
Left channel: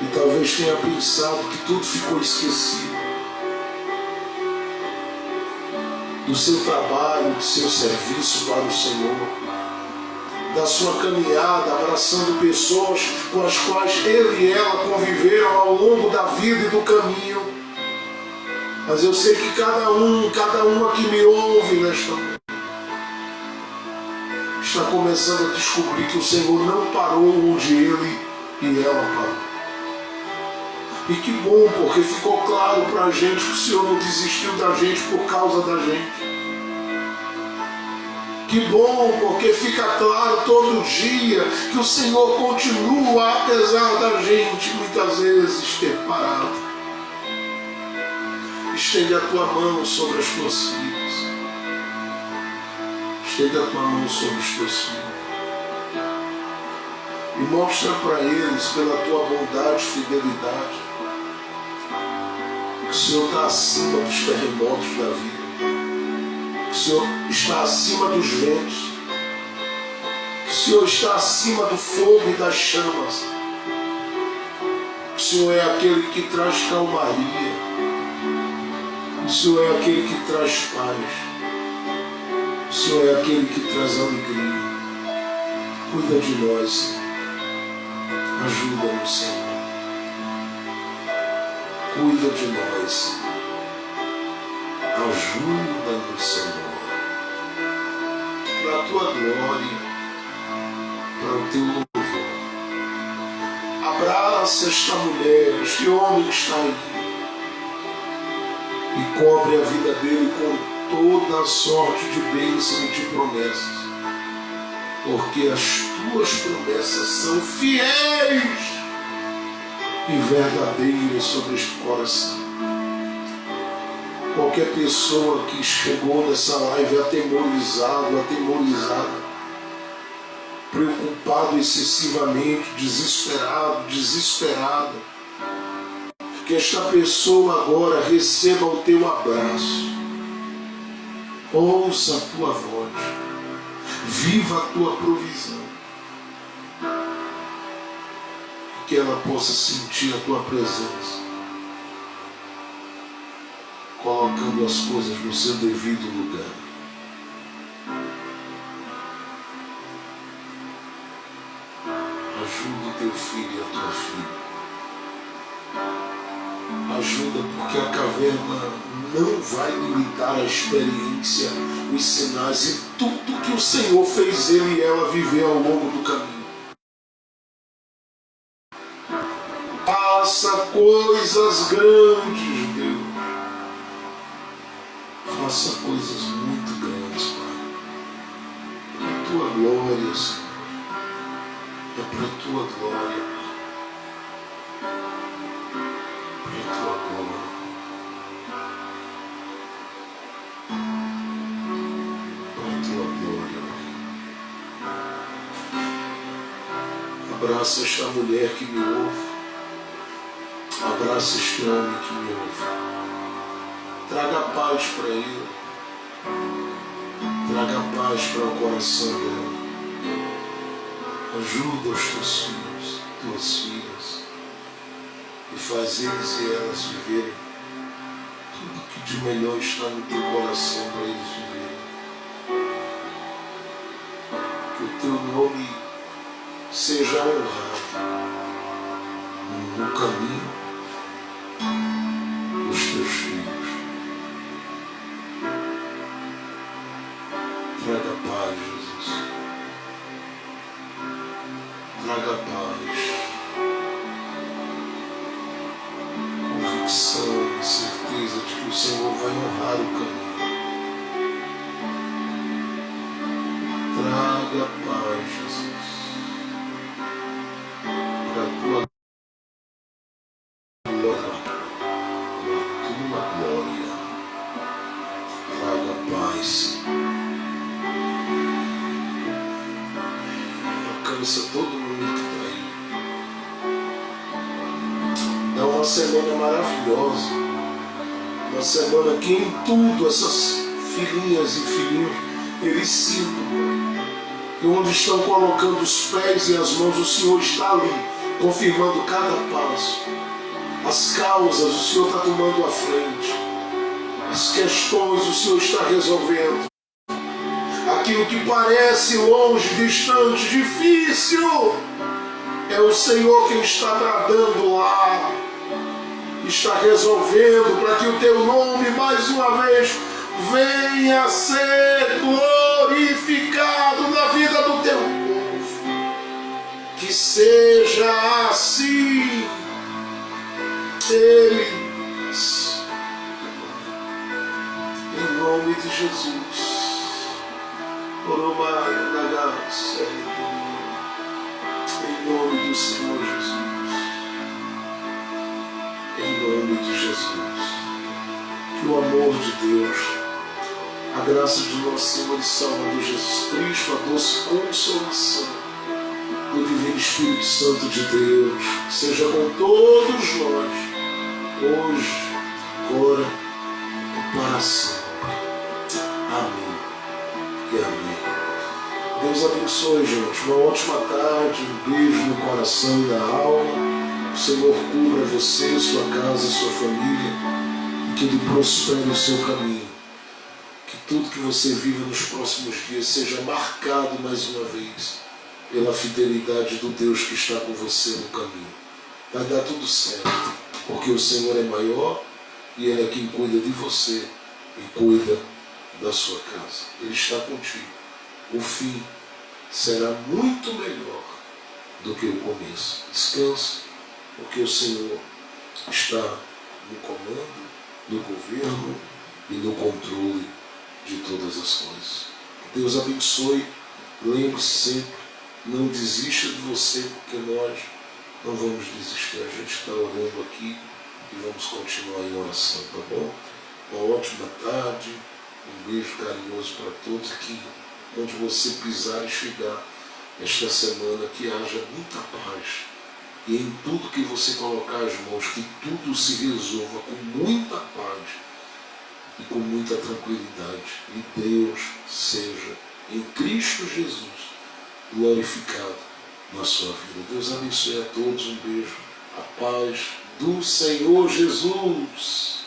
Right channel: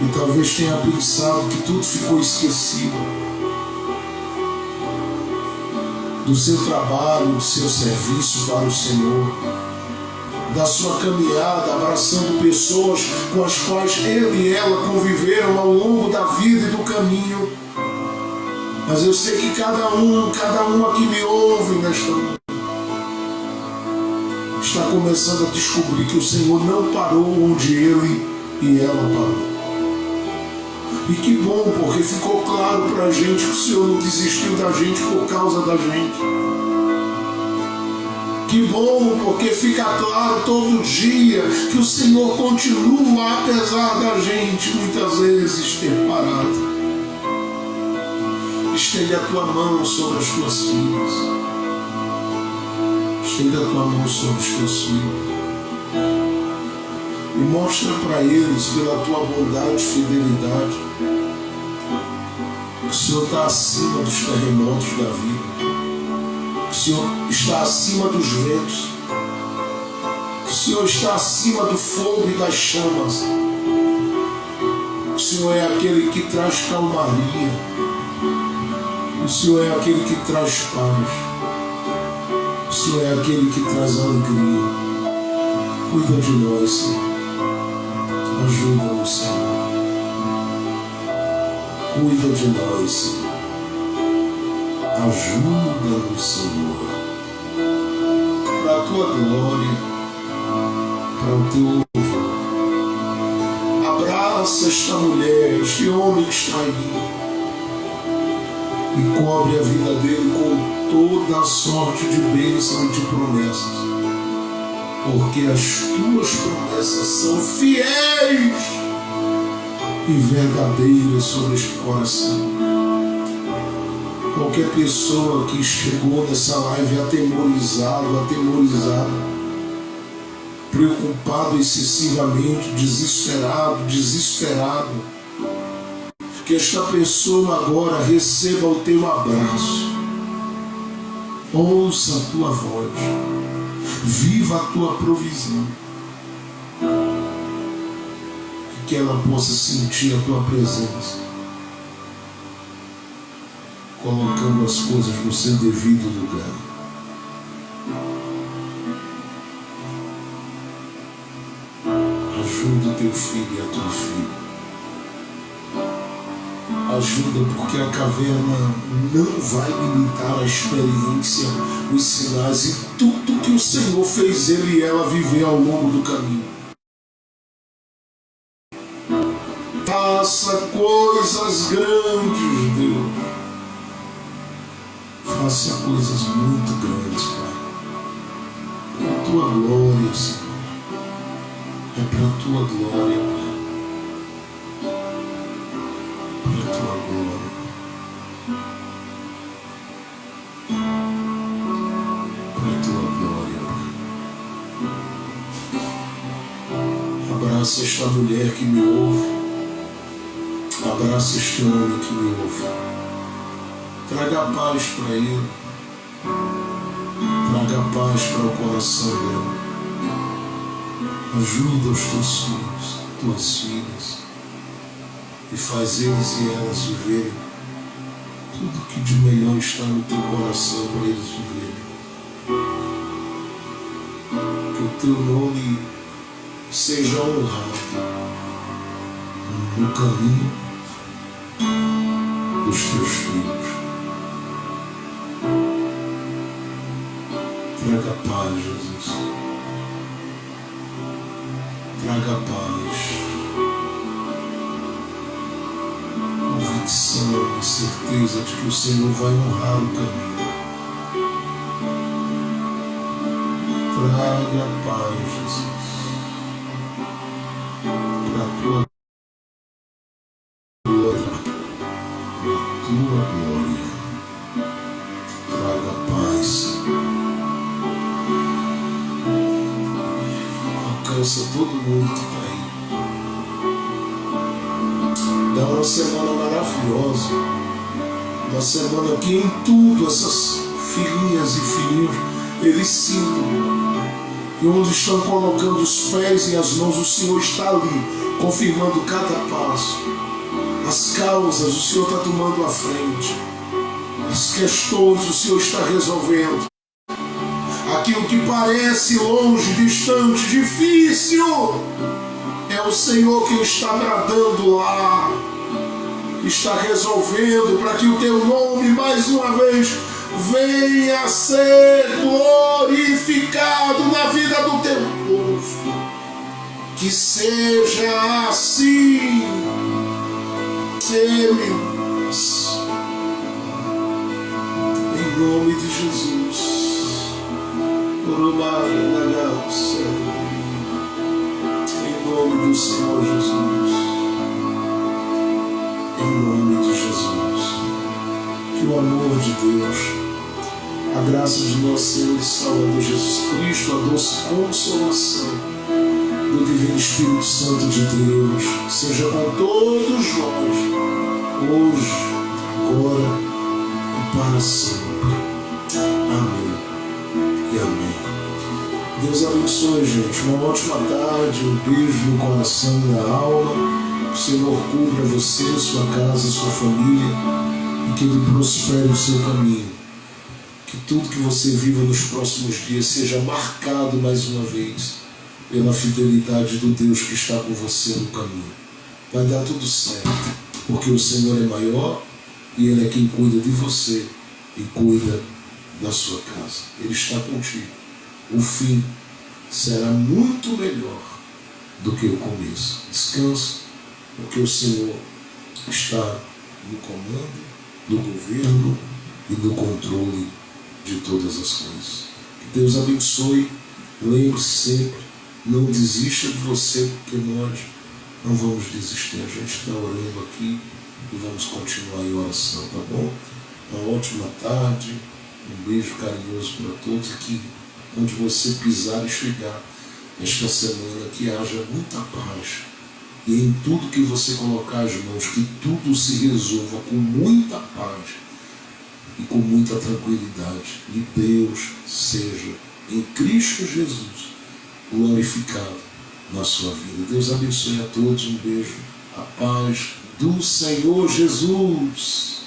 e talvez tenha pensado que tudo ficou esquecido, do seu trabalho, do seu serviço para o Senhor, da sua caminhada, abraçando pessoas com as quais ele e ela conviveram ao longo da vida e do caminho. Mas eu sei que cada uma que me ouve nesta manhã está começando a descobrir que o Senhor não parou onde ele e ela parou. E que bom, porque ficou claro para a gente que o Senhor não desistiu da gente por causa da gente. Que bom, porque fica claro todo dia que o Senhor continua, apesar da gente muitas vezes ter parado. Estende a tua mão sobre as tuas filhas. Estende a tua mão sobre os teus filhos. E mostra para eles, pela tua bondade e fidelidade, que o Senhor está acima dos terremotos da vida. Que o Senhor está acima dos ventos. Que o Senhor está acima do fogo e das chamas. Que o Senhor é aquele que traz calmaria. O Senhor é aquele que traz paz. O Senhor é aquele que traz alegria. Cuida de nós, Senhor. Ajuda-nos, Senhor. Cuida de nós, Senhor. Ajuda-nos, Senhor. Para a tua glória, para o teu louvor. Abraça esta mulher, este homem que está aí. E cobre a vida dele com toda a sorte de bênção e de promessas. Porque as tuas promessas são fiéis e verdadeiras sobre este coração. Qualquer pessoa que chegou nessa live atemorizada, preocupado excessivamente, desesperado, que esta pessoa agora receba o teu abraço, ouça a tua voz, viva a tua provisão, que ela possa sentir a tua presença, colocando as coisas no seu devido lugar. Ajuda o teu filho e a tua filha. Ajuda, porque a caverna não vai limitar a experiência, os sinais e tudo que o Senhor fez ele e ela viver ao longo do caminho. Faça coisas grandes, Deus. faça coisas muito grandes, Pai. Para a Tua glória, Senhor. É para a Tua glória, Pai. Para a Tua glória. Para a Tua glória, Pai. Abraça esta mulher que me ouve. Abraça este homem que me ouve. Traga paz para ele. Traga paz para o coração dela. Ajuda os teus filhos, tuas filhas, e faz eles e elas viverem tudo que de melhor está no teu coração para eles viverem. Que o teu nome seja honrado no caminho dos teus filhos. Traga paz, Jesus. Traga paz, convicção e certeza de que o Senhor vai honrar o caminho. Traga paz, Jesus, para a Tua glória. Traga paz, Senhor. Alcança todo mundo que está aí. Dá uma semana maravilhosa. Uma semana que em tudo essas filhinhas e filhinhos eles sintam que onde estão colocando os pés e as mãos, o Senhor está ali, confirmando cada passo. As causas, o Senhor está tomando a frente. As questões, o Senhor está resolvendo. Aquilo que parece longe, distante, difícil, é o Senhor quem está bradando lá, está resolvendo para que o teu nome mais uma vez venha a ser glorificado na vida do teu povo. Que seja assim. Ele, em nome de Jesus. Em nome do Senhor Jesus. Em nome de Jesus. Que o amor de Deus, a graça de nosso Senhor e Salvador Jesus Cristo, a doce consolação do Divino Espírito Santo de Deus, seja com todos nós, hoje, agora e para sempre. Amém e amém. Deus abençoe, gente. Uma ótima tarde, um beijo no coração e na alma. Que o Senhor cubra você, sua casa, sua família, e que Ele prospere o seu caminho. Que tudo que você viva nos próximos dias seja marcado mais uma vez pela fidelidade do Deus que está com você no caminho. Vai dar tudo certo, porque o Senhor é maior e Ele é quem cuida de você e cuida da sua casa. Ele está contigo. O fim será muito melhor do que o começo. Descanse, porque o Senhor está no comando, no governo e no controle de todas as coisas. Que Deus abençoe. Lembre-se sempre, não desista de você, porque nós não vamos desistir. A gente está orando aqui e vamos continuar em oração, tá bom? Uma ótima tarde, um beijo carinhoso para todos, e que onde você pisar e chegar esta semana, que haja muita paz, e em tudo que você colocar as mãos, que tudo se resolva com muita paz e com muita tranquilidade, e Deus seja em Cristo Jesus glorificado na sua vida. Deus abençoe a todos, um beijo, a paz do Senhor Jesus.